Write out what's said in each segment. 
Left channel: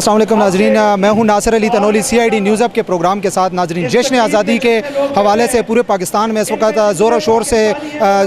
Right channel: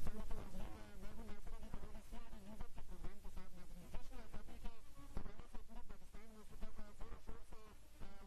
अस्सलाम वालेकुम नाजरीन, मैं हूं Nasir Ali Tanoli CID news up के प्रोग्राम के साथ। नाजरीन, जश्न आज़ादी के हवाले से पूरे पाकिस्तान में इस वक्त ज़ोर और शोर से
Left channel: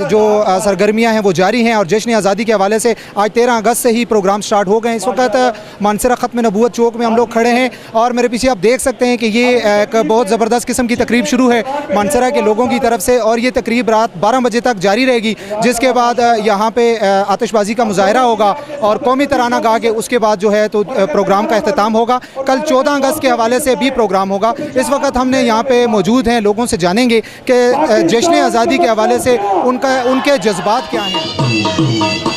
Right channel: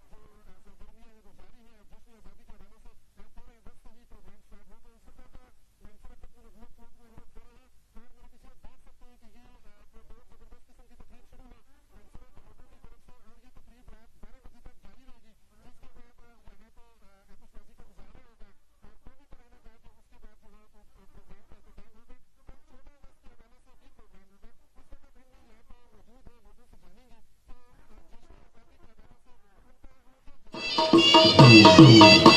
जो सरगर्मियां हैं वो जारी हैं और जश्न आज़ादी के हवाले से आज 13 अगस्त से ही प्रोग्राम स्टार्ट हो गए। इस वक्त मानसरा ख़त्म नबूवत चौक में हम लोग खड़े हैं और मेरे पीछे आप देख सकते हैं कि ये एक बहुत ज़बरदस्त किस्म की तकरीब शुरू है मानसरा के लोगों की तरफ से और ये तकरीब रात 12 बजे तक जारी रहेगी, जिसके बाद यहाँ पे आतिशबाजी का मुजाहरा होगा और कौमी तराना गा के उसके बाद जो है तो प्रोग्राम का अख्ताम होगा। कल 14 अगस्त के हवाले से भी प्रोग्राम होगा। इस वक्त हमने यहाँ पे मौजूद हैं, लोगों से जानेंगे कि जश्न आज़ादी के हवाले से उनके जज्बात क्या हैं।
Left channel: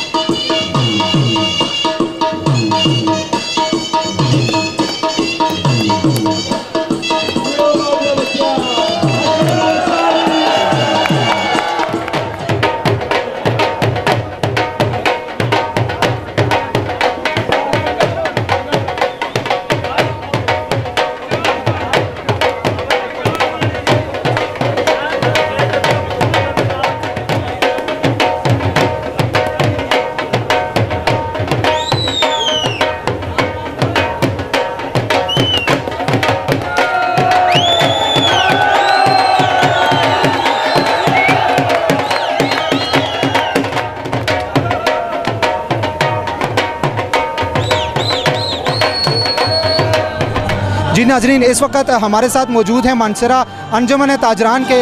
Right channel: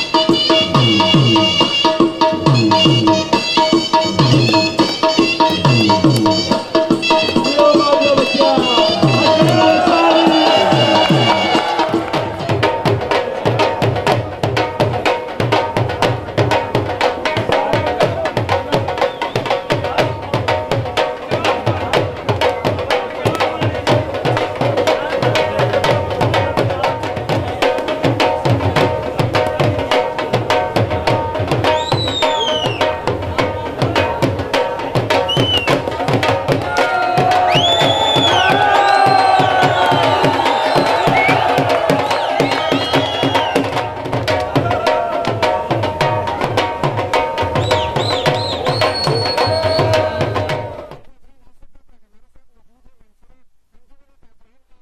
जी नाजरीन, इस वक्त हमारे साथ मौजूद हैं मानसरा अंजुमन ताजरान के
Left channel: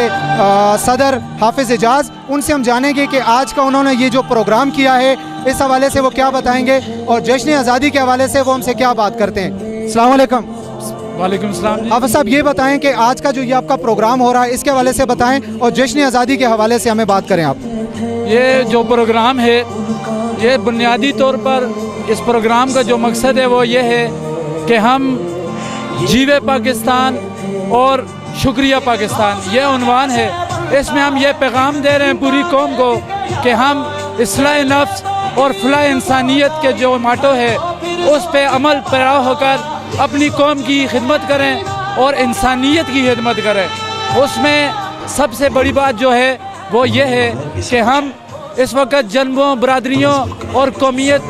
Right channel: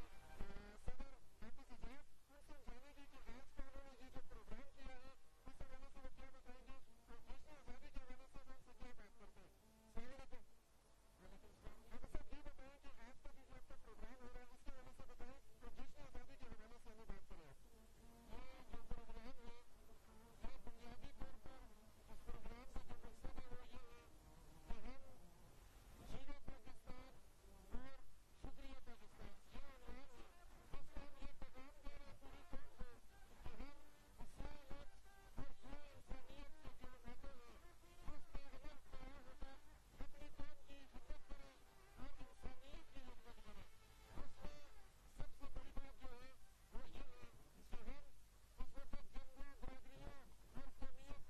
सदर हाफिज़ एजाज। उनसे हम जानेंगे कि आज का उन्होंने ये जो प्रोग्राम किया है इस हवाले से वो क्या बताएंगे और जश्न आज़ादी के हवाले से वो हमसे क्या बात करते हैं। अस्सलाम वालेकुम। वालेकुम सलाम। हाफिज़ साहब, ये बताएं कि आज का जो ये आपका प्रोग्राम हो रहा है इसके हवाले से बताएं और जश्न आज़ादी के हवाले से हमें बात करें आप। ये जो प्रोग्राम है ये बुनियादी तौर पर इस प्रोग्राम का जो मकसद है वो ये है कि हम जीवे पाकिस्तान और शुक्रिया पाकिस्तान, ये उन्वान है। इसमें हम ये पैगाम दे रहे हैं पूरी कौम को कि हम इस्लाह नफ्स और फलाह इंसानियत के जो माटो है उस पे अमल पैरा होकर अपनी कौम की खिदमत करें और इंसानियत की खिदमत करें। उसमें सबसे बड़ी बात जो है वो ये है कि हम इस वक्त जन्मों, बरादरियों और कौमियत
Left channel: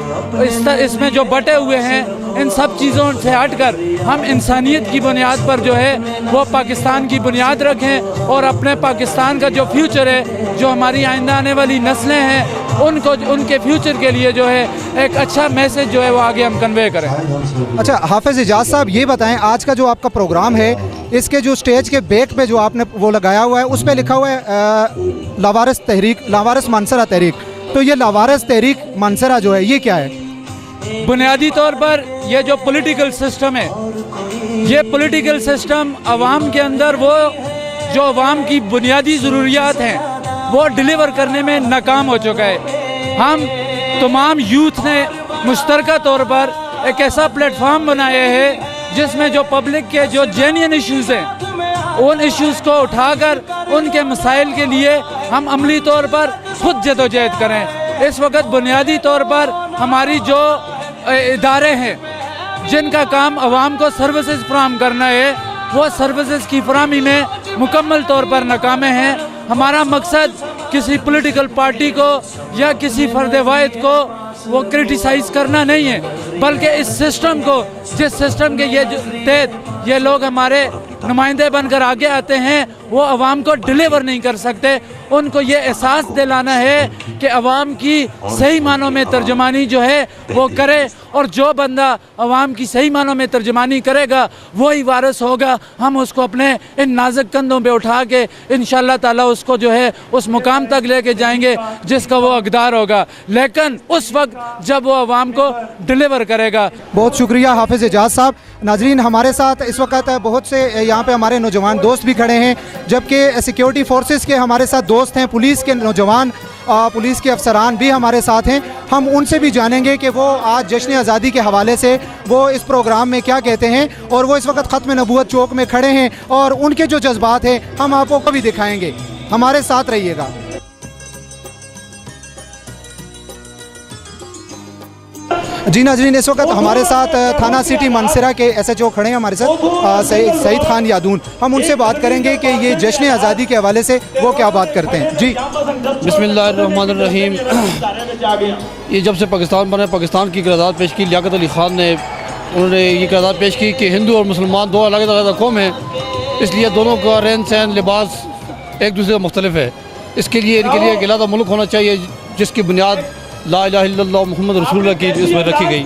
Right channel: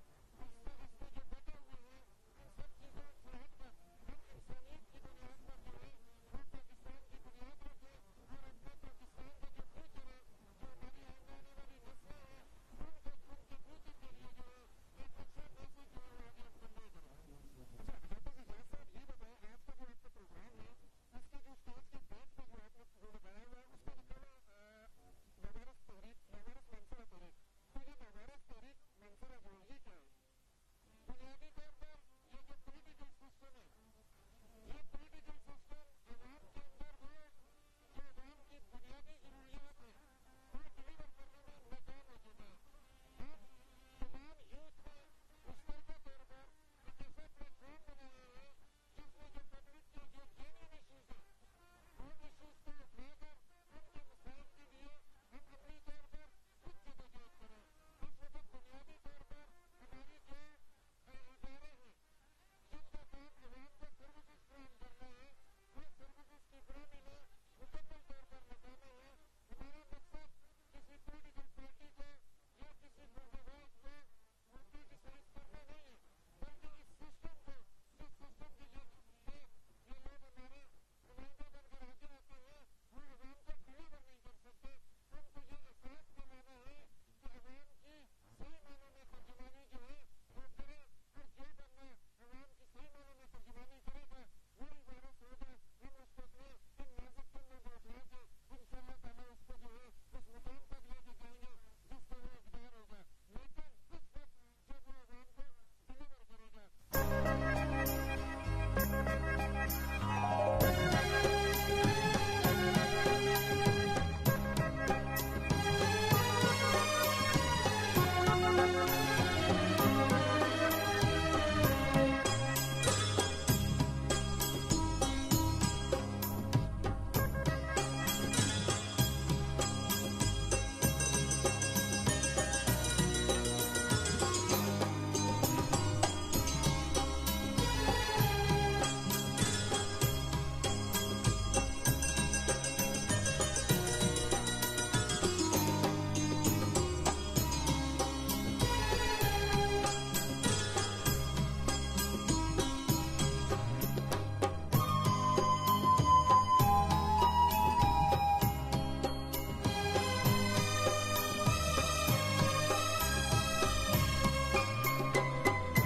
इसमें जो बटे हुए हैं इन सब चीज़ों से हटकर हम इंसानियत की बुनियाद पर जो है वो पाकिस्तान की बुनियाद रखें और अपने पाकिस्तान का जो फ्यूचर है, जो हमारी आइंदा आने वाली नस्लें हैं, उनको उनके फ्यूचर के लिए जो है एक अच्छा मैसेज जो है वो आगे हम कन्वे करें। अच्छा हाफिज़ एजाज साहब, ये बताएं आज का जो आपका प्रोग्राम है इसके जो स्टेज के बैक पे जो आपने वो लगाया हुआ है उस पर लिखा हुआ है लावारिस तहरीक, लावारिस मानसरा तहरीक। तो ये लावारिस तहरीक मानसरा जो है ये क्या है? बुनियादी तौर पर ये जो पॉलिटिकल सिस्टम है, ये पॉलिटिकल सिस्टम अवाम के अंदर वो जो अवाम की बुनियादी ज़रूरियात हैं वो डिलीवर करने में नाकाम हो चुका है। हम तमाम यूथ ने मुश्तरका तौर पर एक ऐसा प्लेटफॉर्म बनाया है जिसमें जो पब्लिक के जो जेन्युइन इश्यूज़ हैं उन इश्यूज़ को उठाकर उनके मसाइल के लिए हम अमली तौर पर खुद जदोजहद करें। इस वक्त बुनियादी तौर पर हमारी जो इदारे हैं जिनका काम आवाम को सर्विसेज फराहम करना है वो सर्विसेज की फराहमी में मुकम्मल तौर पर नाकामे हैं। हमारा मकसद किसी पॉलिटिकल पार्टी को या किसी फर्द वाहिद को वो क्रिटिसाइज़ करना नहीं है, बल्कि इस सिस्टम को, जिस सिस्टम के ये तहत ये लोग हमारे नुमाइंदे बनकर आगे आते हैं, वो अवाम को डिलीवर नहीं कर सकते। उनको ये एहसास दिलाना है कि अवाम की सही मानों में तर्जुमानी जो है वो करे और जो बंदा अवाम की सही मानों में तर्जुमानी करेगा वही वारिस होगा। हम उसको अपने इन नाजुक कंधों पे उठा के इंशाअल्लाह ताला उसको जो है उस मुकाम तक लेके जाएंगे जिसका वो हकदार होगा, लेकिन उस वक्त जब वो अवाम को डिलीवर करेगा। बहुत शुक्रिया हाफिज़ एजाज साहब। नाजरीन, हमारे साथ इस वक्त बहुत से यहाँ पे हमारे नौजवान दोस्त भी खड़े हैं, जबकि सिक्योरिटी फोर्सेस के हमारे साथ दोस्त हैं, पुलिस के नौजवान, पुलिस के अफसरान भी हमारे साथ हैं। हम उनसे भी जानेंगे कि वो आज जश्न आज़ादी के हवाले से वो इस प्रोग्राम में क्या कहते हैं और वो इस वक्त ख़त्म नबूवत चौक में खड़े हैं और उनके जो जज्बात हैं हम आपको भी दिखाएंगे। हमारे साथ रहिएगा। जी नाजरीन, इस वक्त हमारे साथ थाना सिटी मानसरा के SHO खड़े हैं हमारे साथ सईद खान यादून। हम उनसे बात करेंगे कि ये जश्न आज़ादी के हवाले से वो क्या बात करते हैं। जी बिस्मिल्लाहिर्रहमानिर्रहीम। ये जब से पाकिस्तान बना, पाकिस्तान की क़रारदाद पेश की लियाकत अली ख़ान ने उन्होंने ये करार पेश की कि हिंदू और मुसलमान दो अलग अलग कौम हैं, इसलिए दोनों का रहन सहन लिबास एक दूसरे का मुख्तलिफ है। इसके लिए इनके लिए एक अलग मुल्क होना चाहिए जिसकी बुनियाद ला इलाहा इल्लल्लाह मुहम्मद रसूलुल्लाह की इसमें रखी गई।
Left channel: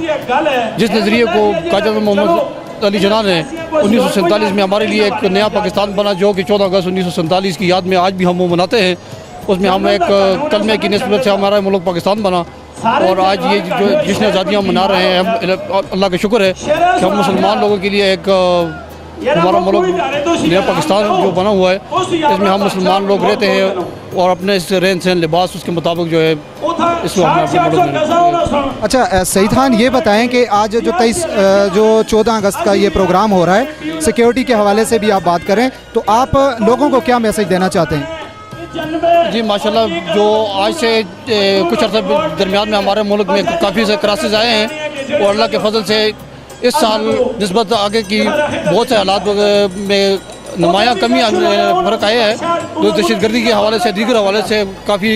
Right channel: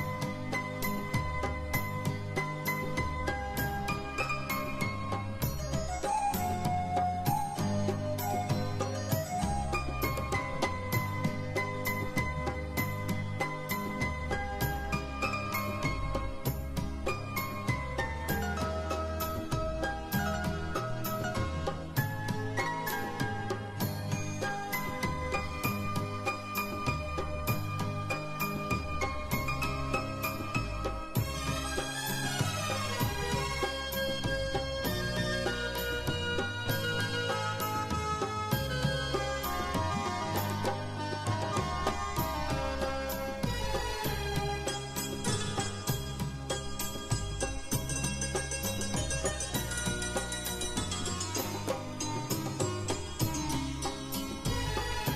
जिस नज़रिए को कायद मोहम्मद अली जिन्ना ने 1947 में हमारे लिए एक नया पाकिस्तान बना, जो कि 14 अगस्त 1947 की याद में आज भी हम वो मनाते हैं। उसमें हम एक कलमे की निस्बत से हमारा मुल्क पाकिस्तान बना, और आज ये जो जश्न आज़ादियाँ मना रहे हैं, हम अल्लाह का शुक्र है कि हम मुसलमान लोगों के लिए एक हमारा मुल्क नया पाकिस्तान जो बना हुआ है, इसमें हम मुसलमान लोग रहते हैं और अपने इस रहन सहन लिबास उसके मुताबिक जो है इसको हम अपने मुल्क में। अच्छा सईद खान, ये बताएं कि आज जो 14 अगस्त का ये प्रोग्राम हो रहा है, सिक्योरिटी के हवाले से भी आप बात करें, तो आप लोगों को क्या मैसेज देना चाहते हैं? जी माशाल्लाह, जो आज से कुछ अर्से दरमियान में हमारे मुल्क में काफ़ी से क्राइसिस आए हैं, और अल्लाह के फजल से इस साल निस्बत आगे की बहुत से हालात में नुमाया कमी फ़र्क आया है। तो दहशतगर्दी के हवाले से, दीगर हवाले से काफ़ी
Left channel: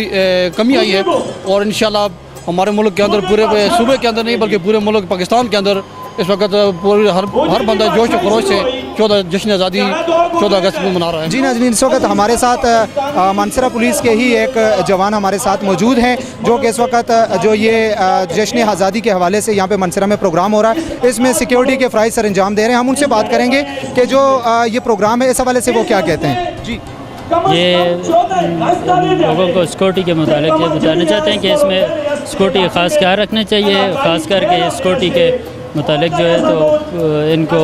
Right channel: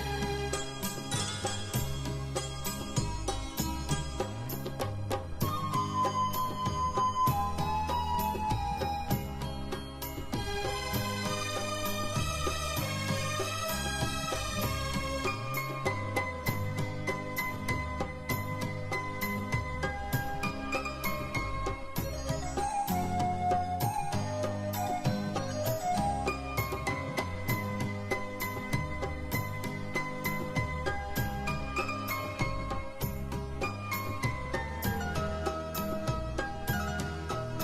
कमी आई है, और इंशाल्लाह हमारे मुल्क के अंदर, पूरे सूबे के अंदर नहीं बल्कि पूरे मुल्क पाकिस्तान के अंदर इस वक्त पूरे हर बंदा जोश व खरोश से 14 जश्न आज़ादी 14 अगस्त में मना रहा है। जी नाज़रीन, इस वक्त हमारे साथ मानसरा पुलिस के ही एक जवान हमारे साथ मौजूद हैं, जो कि इस वक्त जो ये जश्न आज़ादी के हवाले से यहाँ पे मानसरा में प्रोग्राम हो रहा है, इसमें सिक्योरिटी के फ़राइज़ सर अंजाम दे रहे हैं। हम उनसे बात करेंगे कि जो ये प्रोग्राम है, इस हवाले से वो क्या कहते हैं। जी, ये लोगों को सिक्योरिटी के मुतालिक ये बताना चाहते हैं कि इसमें सिक्योरिटी का ख़ास ख्याल रखना चाहिए, ख़ास करके सिक्योरिटी के मुतालिक जो है तो इनको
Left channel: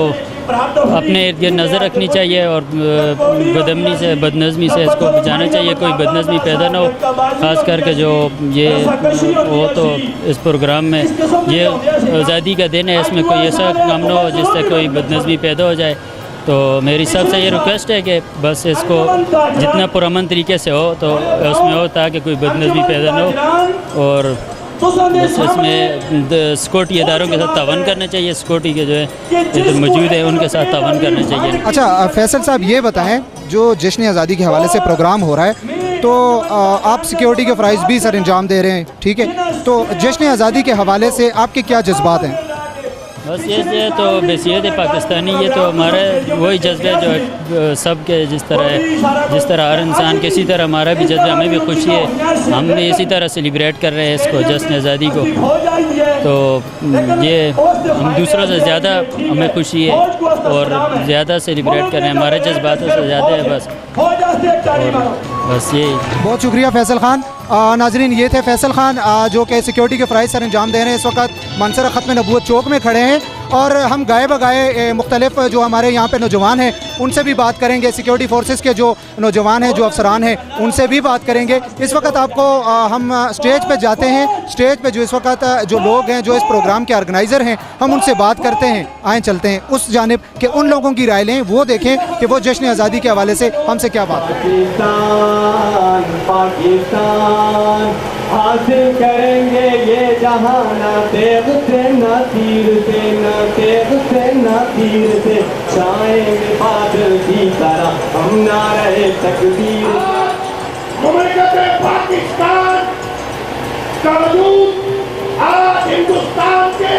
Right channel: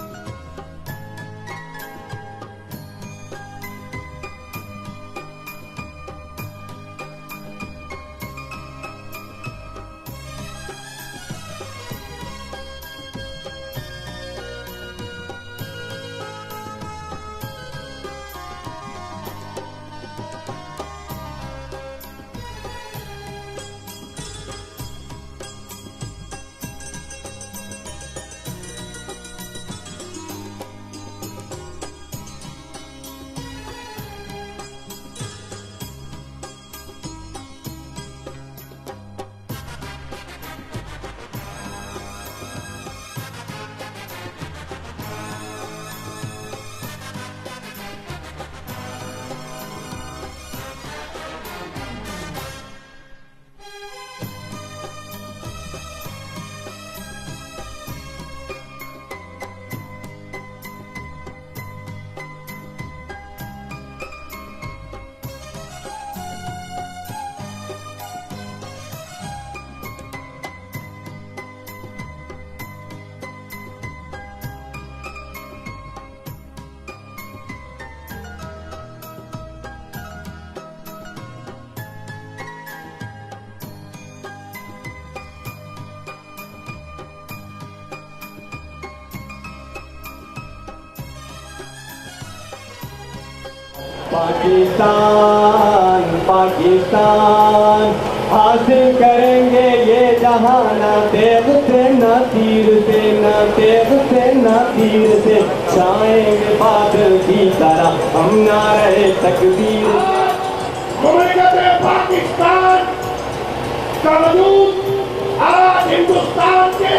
अपने इर्द गिर्द नज़र रखनी चाहिए, और बदअमनी से, बदनज़मी से इसको बचाना चाहिए, कोई बदनज़मी पैदा ना हो। ख़ास करके जो ये हो तो इस प्रोग्राम में ये आज़ादी का दिन है, इसमें कोई ऐसा काम ना हो जिससे कोई बदनज़मी पैदा हो जाए। तो मेरी सबसे ये रिक्वेस्ट है कि बस इसको जितना पुरअमन तरीके से हो तो उसमें हो, ताकि कोई बदनज़मी पैदा ना हो, और इसमें सिक्योरिटी इदारों के साथ तावन करना चाहिए, सिक्योरिटी के जो है इधर मौजूद है उनके साथ तावन करना चाहिए। अच्छा फैसल साहब, ये बताएं, जो जश्न आज़ादी के हवाले से प्रोग्राम हो रहा है, तो आप सिक्योरिटी के फ़राइज़ भी सर अंजाम दे रहे हैं, ठीक है, तो जश्न आज़ादी के हवाले से आपके क्या जज्बात हैं? बस ये तो बसीयत है पाकिस्तानी, ये तो हमारा वही जज्बा जो सब के जिस तरह हर इंसान के, इसी तरह हमारा भी जज्बा, हमें भी खुशी है, हम भी इसी तरह सेलिब्रेट कर रहे हैं इसको, जश्न आज़ादी को। तो ये हम दूसरों से ज़्यादा हमें खुशी है और ज़्यादा सेलिब्रेट कर रहे हैं, हमारे जज्बातों से ज़्यादा है बस, और बस ये। बहुत शुक्रिया फैसल खान। नाजरीन, ये थे फैसल खान जो कि सिक्योरिटी के फ़राइज़ सर अंजाम दे रहे हैं। इस वक्त मानसरा ख़त्म नबूवत चौक में खड़े हैं, और हम गाए बगाए मुख्तलिफ जो हमारे यहाँ पे नौजवान हैं उनसे भी बात करेंगे, सिक्योरिटी फोर्सेस के जो नौजवान हैं, जो अफसरान हैं, उनसे भी बात करेंगे। इस वक्त आपको हम स्टेज पे जाते हैं, स्टेज पे जो इस वक्त जो लोग हैं, जो इस प्रोग्राम के ऑर्गेनाइज़र हैं, हम उनसे बात करते हैं। आए चलते हैं उस जानिब के उन लोगों की राय लें, वो देखें कि वो जश्न आज़ादी के हवाले से हमसे क्या बात पाकिस्तान हासिल करेंगे ये जहान, तेग से न तीर से, न तेग से न तीर से, छाएंगे बादल की तरह हम नारे तकदीर। पाकिस्तान का वजूद आज हिंदुस्तान के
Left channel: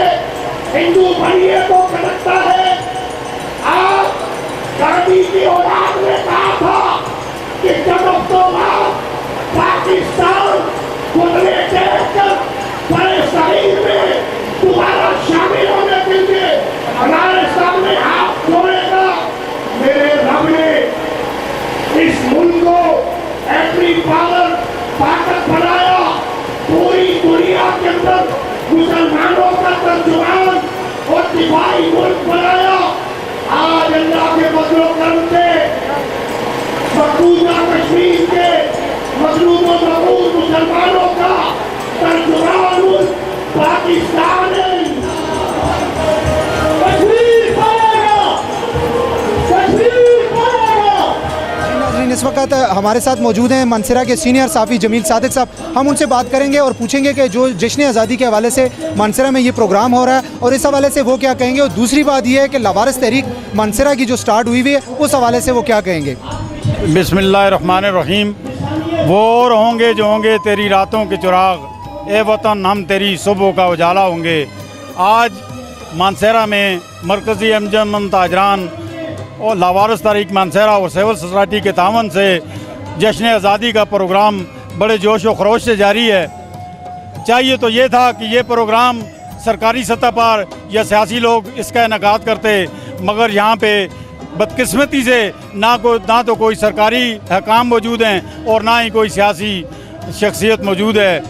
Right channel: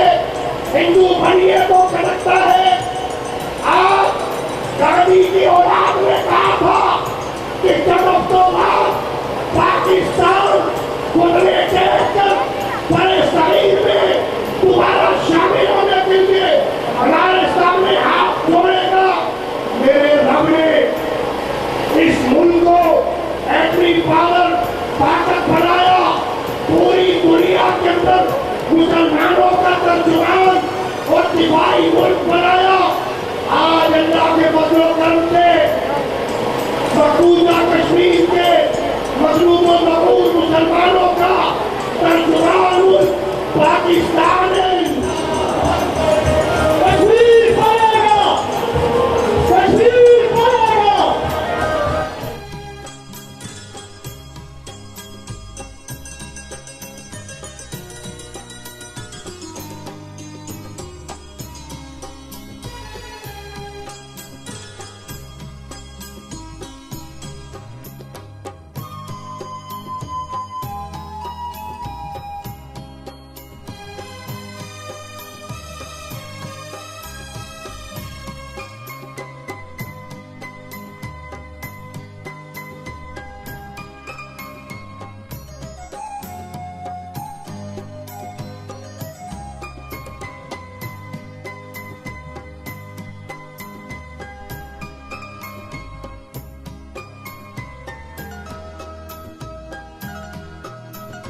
हिंदू भाइयों को खड़कता है। आज गांधी की औलाद ने कहा था कि जब तो पाकिस्तान खुदने देखकर बड़े शरीर में दोबारा शामिल होने के लिए हमारे सामने हाथ जोड़ेगा। मेरे रब ने इस मुल्क को एटमी पावर ताकत बनाया, पूरी दुनिया के अंदर मुसलमानों का तर्जुमान और दिफाई मुल्क बनाया। आज अल्लाह के बदलो करते मकबूजा कश्मीर के मजलूम और मकबूल मुसलमानों का तर्जुमान पाकिस्तान है। कश्मीर पाएगा, कश्मीर पाएगा। इस वक्त हमारे साथ मौजूद हैं मानसरा के सीनियर साफ़ी जमील सादिक साहब। हम उनसे बात करेंगे और पूछेंगे कि जो जश्न आज़ादी के हवाले से मानसरा में ये प्रोग्राम हो रहा है, और इस हवाले से वो क्या कहेंगे, और दूसरी बात ये है कि लावारिस तहरीक मानसरा की जो स्टार्ट हुई है, उस हवाले से वो क्या कहेंगे। बिस्मिल्लाहिर्रहमानिर्रहीम। वो होंगे जो होंगे तेरी रातों के चिराग, ए वतन हम तेरी सुबह का उजाला होंगे। आज मानसरा में मरकज़ी अंजुमन ताजरान और लावारिस तारीख मानसरा और सिविल सोसाइटी के तावन से जश्न आज़ादी का प्रोग्राम बड़े जोश व खरोश से जारी है। चाहिए तो ये था कि ये प्रोग्राम सरकारी सतह पर या सियासी लोग इसका इनेकाद करते, मगर यहाँ पे बदकिस्मती से ना तो कोई सरकारी हकाम मौजूद हैं और ना ही कोई सियासी शख्सियत मौजूद है।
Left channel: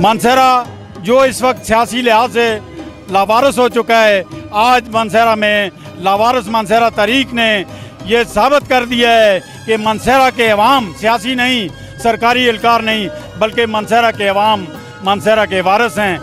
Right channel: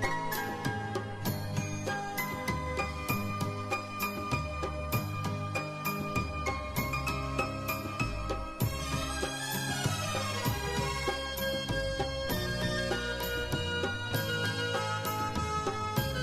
मानसरा जो इस वक्त सियासी लिहाज से लावारिस हो चुका है, आज मानसरा में लावारिस मानसरा तहरीक ने ये साबित कर दिया है कि मानसरा के अवाम सियासी नहीं, सरकारी एहलकार नहीं, बल्कि मानसरा के अवाम मानसरा के वारिस हैं।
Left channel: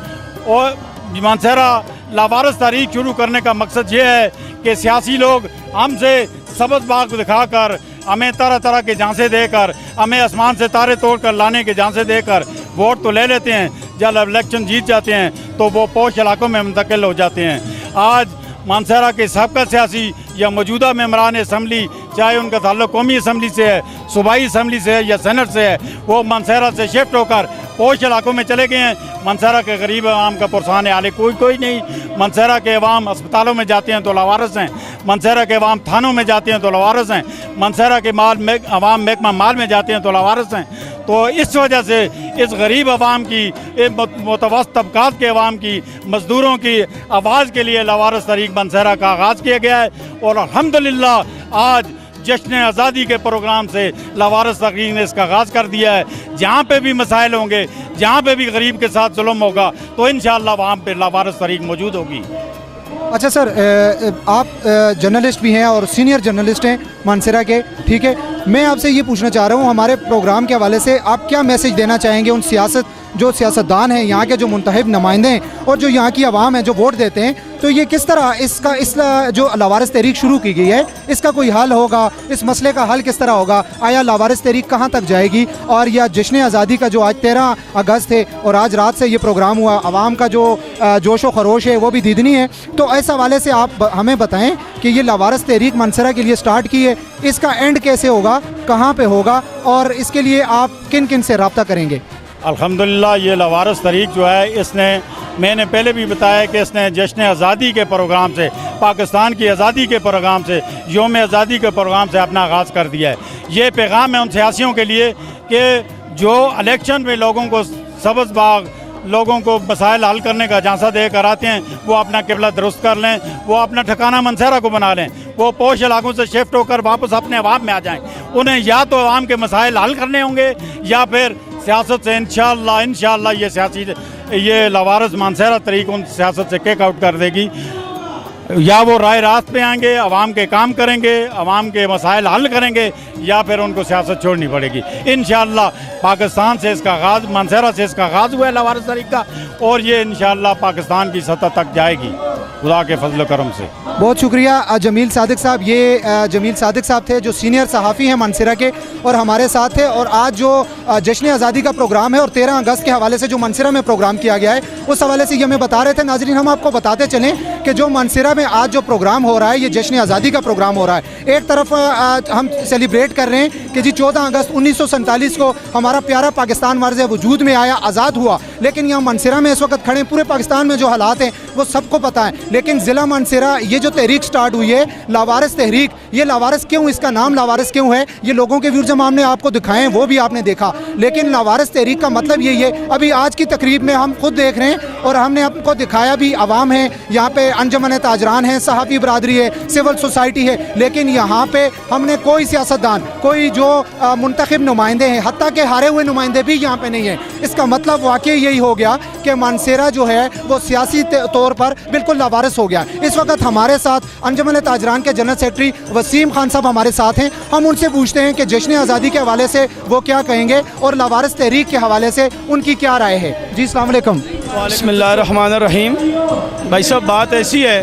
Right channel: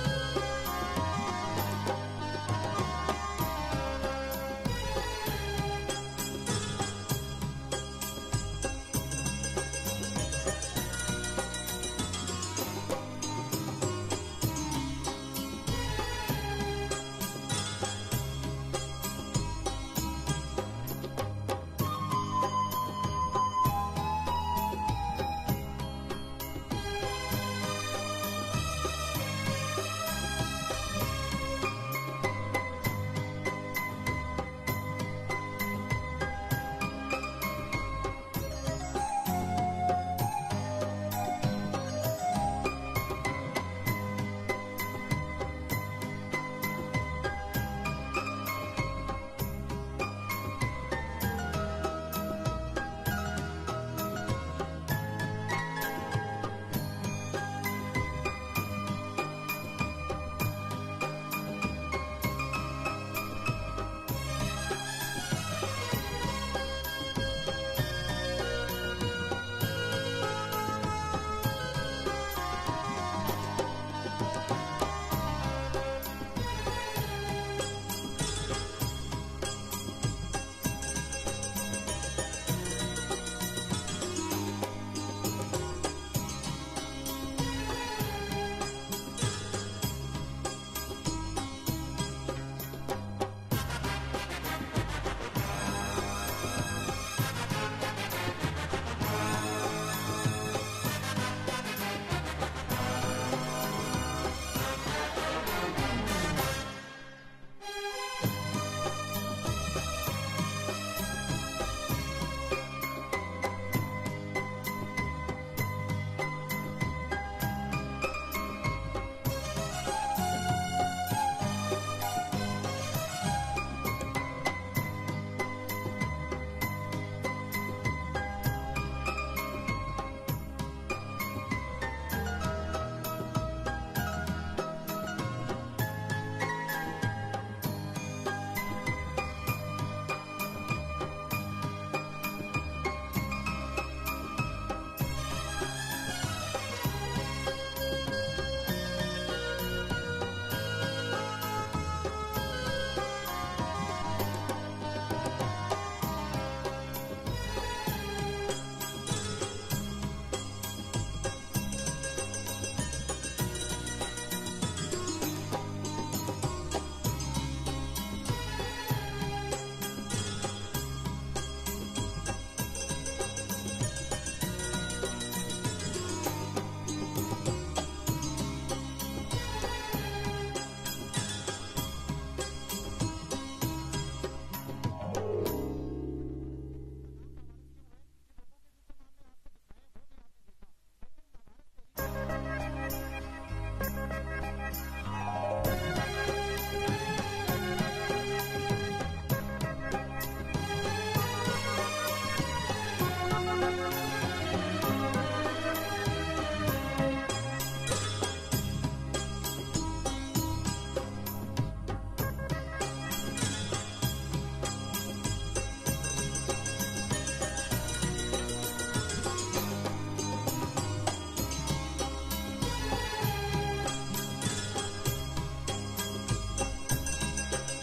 और मानसरा लावारिस तहरीक शुरू करने का मकसद ये है कि सियासी लोग हमसे सबक बाग दिखाकर, हमें तरह तरह के झांसे देकर, हमें आसमान से तारे तोड़ कर लाने के झांसे देकर वोट तो ले लेते हैं, जब इलेक्शन जीत जाते हैं तो वो पोश इलाकों में मुंतकिल हो जाते हैं। आज मानसरा के सबका सियासी या मौजूदा मेम्बरान असम्बली, चाहे उनका ताल्लुक कौमी असम्बली से है, सूबाई असम्बली से है या सेनेट से है, वो मानसरा से शिफ्ट होकर पोश इलाकों में चले गए हैं। मानसरा के गरीब आवाम का पुरसान हाल कोई नहीं। मानसरा के अवाम अस्पतालों में जाते हैं तो लावारिस हैं, मानसरा के अवाम थानों में जाते हैं तो लावारिस हैं, मानसरा के अवाम महकमा माल में जाते हैं तो लावारिस हैं। तो इस वजह से इस गरीब अवाम की, मुतवस्सित तबकात के अवाम की, मज़दूरों की आवाज़ के लिए लावारिस तहरीक मानसरा का आगाज़ किया गया है। और अल्हम्दुलिल्लाह आज जश्न आज़ादी के प्रोग्राम से लावारिस तहरीक ने इसका आगाज़ कर दिया है। जहाँ पे भी मसाइल होंगे, जहाँ पे भी गरीब के साथ जुल्म होगा, तो इंशाअल्लाह वहाँ पे लावारिस तहरीक मौजूद होगी। अच्छा सर, आप जर्नलिस्ट भी हैं और सीनियर जर्नलिस्ट हैं मानसरा के, ठीक है। मैं आपसे ये पूछना चाह रहा हूँ, हमारे प्रोग्राम के हवाले से आप क्या मैसेज देना चाहेंगे उन सियासतदान हैं, यहाँ के जो मुंतखब नुमाइंदे हैं और जो यहाँ की आवाम है जो वोट देते हैं, तो ये किस तरह इस जो लावारिस तहरीक शुरू की गई है इसका कोई हल होगा? इस मसले का हल किस तरह होगा? आया लावारिस तहरीक कहाँ तक जाएगी? और यह जश्न आज़ादी का जो आज 13 अगस्त है और आज रात से ये प्रोग्राम हुआ, आवाम का जो जोश व खरोश है वो भी दीदनी है, तो इस हवाले से आप हमें बताएं कि ये लावारिस तहरीक मानसरा के लिए स्टार्ट की है, इसका एंड कैसे होगा, कहाँ पे होगा और इसके लिए आप किन किन से रब्ता करेंगे? अल्हम्दुलिल्लाह ये लावारिस तहरीक जो है, इसने, मैंने पहले भी बताया कि इसने जश्न आज़ादी के प्रोग्राम से, पाकिस्तान की आज़ादी के प्रोग्राम से, योम आज़ादी के प्रोग्राम से अपना आगाज़ कर दिया है। ये पैगाम है उन सियासियों के लिए कि जो इलेक्शन में लोगों को सब्ज़ बाग, लोगों को मसाइल हल करने का झांसा दे कर आते हैं, वो अपना किबला दुरुस्त कर लें, वो अपना ठिकाना मानसरा को बना लें, वो पोश इलाकों से शिफ्ट होकर वापस अपने अवाम में आ जाएं। उन्हें या तो अवाम के मसाइल हल करने होंगे या फिर सियासत से इंशाअल्लाह ये लावारिस मानसरा तहरीक उन सियासत से किक आउट कर देगी। या वो राय रास्त पे आएंगे, अवाम के काम करेंगे, अवाम के मसाइल हल करेंगे, या फिर उनको सियासत छोड़नी पड़ेगी। इंशाअल्लाह पाकिस्तान से इसका आगाज़, मानसरा से इसका आगाज़ हुआ है लावारिस तहरीक का, और ये इंशाअल्लाह पाकिस्तान की सतह तक जाएगी खुदा के फजल करम से। बहुत शुक्रिया जमील सादिक साहब। ये जमील सादिक साहब थे जो सीनियर सहाफ़ी हैं मानसरा के और हमारे साथ थे। और आज जो जश्न आज़ादी का प्रोग्राम है और 13 अगस्त के हवाले से जो मानसरा में प्रोग्राम किया गया है, उस हवाले से ये हमें बता रहे थे। नाज़रीन, हम आपको बताते चलें कि जो मानसरा में आज जो प्रोग्राम हो रहा है, ये जश्न आज़ादी का प्रोग्राम हो रहा है। एक तरफ हम सेलिब्रेट कर रहे हैं कि जी 14 अगस्त 1947 को हमारा प्यारा पाकिस्तान वार्ज़ वजूद में आया, आज़ाद हुआ। लेकिन यहाँ मानसरा में इस वक्त खड़े, पूरे पाकिस्तान में जो हालात हैं वो सबको पता है। लेकिन ज़िला मानसरा ये जो तहरीक स्टार्ट हुई है लावारिस तहरीक, ये लावारिस क्यों, इसका नाम लावारिस क्यों है, ये लोगों के व्यूज़ हमने आपको दिखाएं, वो भी आपने देखा। लेकिन लावारिस तहरीक का मतलब यही है। अभी आज की तकरीब में हम खुद देख रहे हैं और हमने आपको दिखाया भी, आवाम है यहाँ पे, अंजुमन ताजरान है, सहाफ़ी बरादरी है, सिविल सोसाइटी है। लेकिन यहाँ पे हमने कोई सियासतदान, कोई जो मुंतखब नुमाइंदे हैं, हत्ता के हारे हुए नुमाइंदे भी यहाँ पे नहीं है। इसका मतलब वाकई यही हो गया कि मानसरा जो है वो सियासी तौर पर बिल्कुल लावारिस हो गया। इस वक्त हमारे साथ अंजुमन ताजरान के जनरल सेक्रेटरी वसीम खान साहब हमारे साथ हैं। हम उनसे पूछते हैं कि जश्न आज़ादी के हवाले से वो क्या कहेंगे और लावारिस तहरीक के हवाले से उनकी क्या राय है। जी अस्सलाम वालेकुम। बिस्मिल्लाहिर्रहमानिर्रहीम। भाई साहब, बात ऐसी है,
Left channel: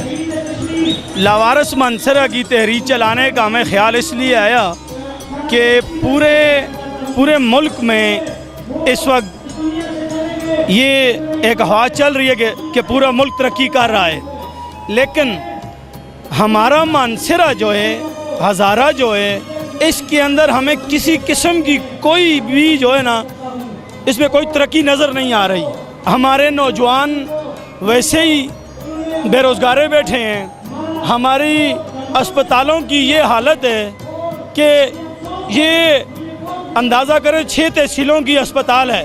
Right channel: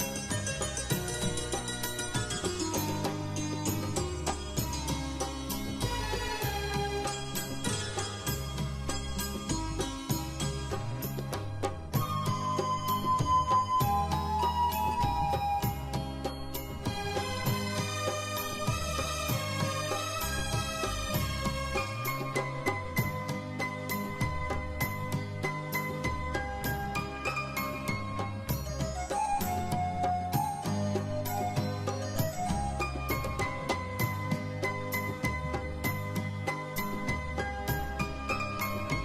लावारिस मानसरा की तहरीक चलाने का हमें ख्याल इसलिए आया कि पूरे मुल्क में इस वक्त ये एक हवा चल रही है कि पूरा मुल्क तरक्की कर रहा है, लेकिन हमारा मानसरा जो है, हज़ारा जो है, इसके अंदर हमें किसी किस्म की कोई भी जो है ना, इसमें कोई तरक्की नज़र नहीं आ रही। हमारे नौजवान वैसे ही बेरोज़गार बैठे हैं। हमारी अस्पतालों की ये हालत है कि ये अंदाज़ा करें 6 तहसीलों की अस्पताल है,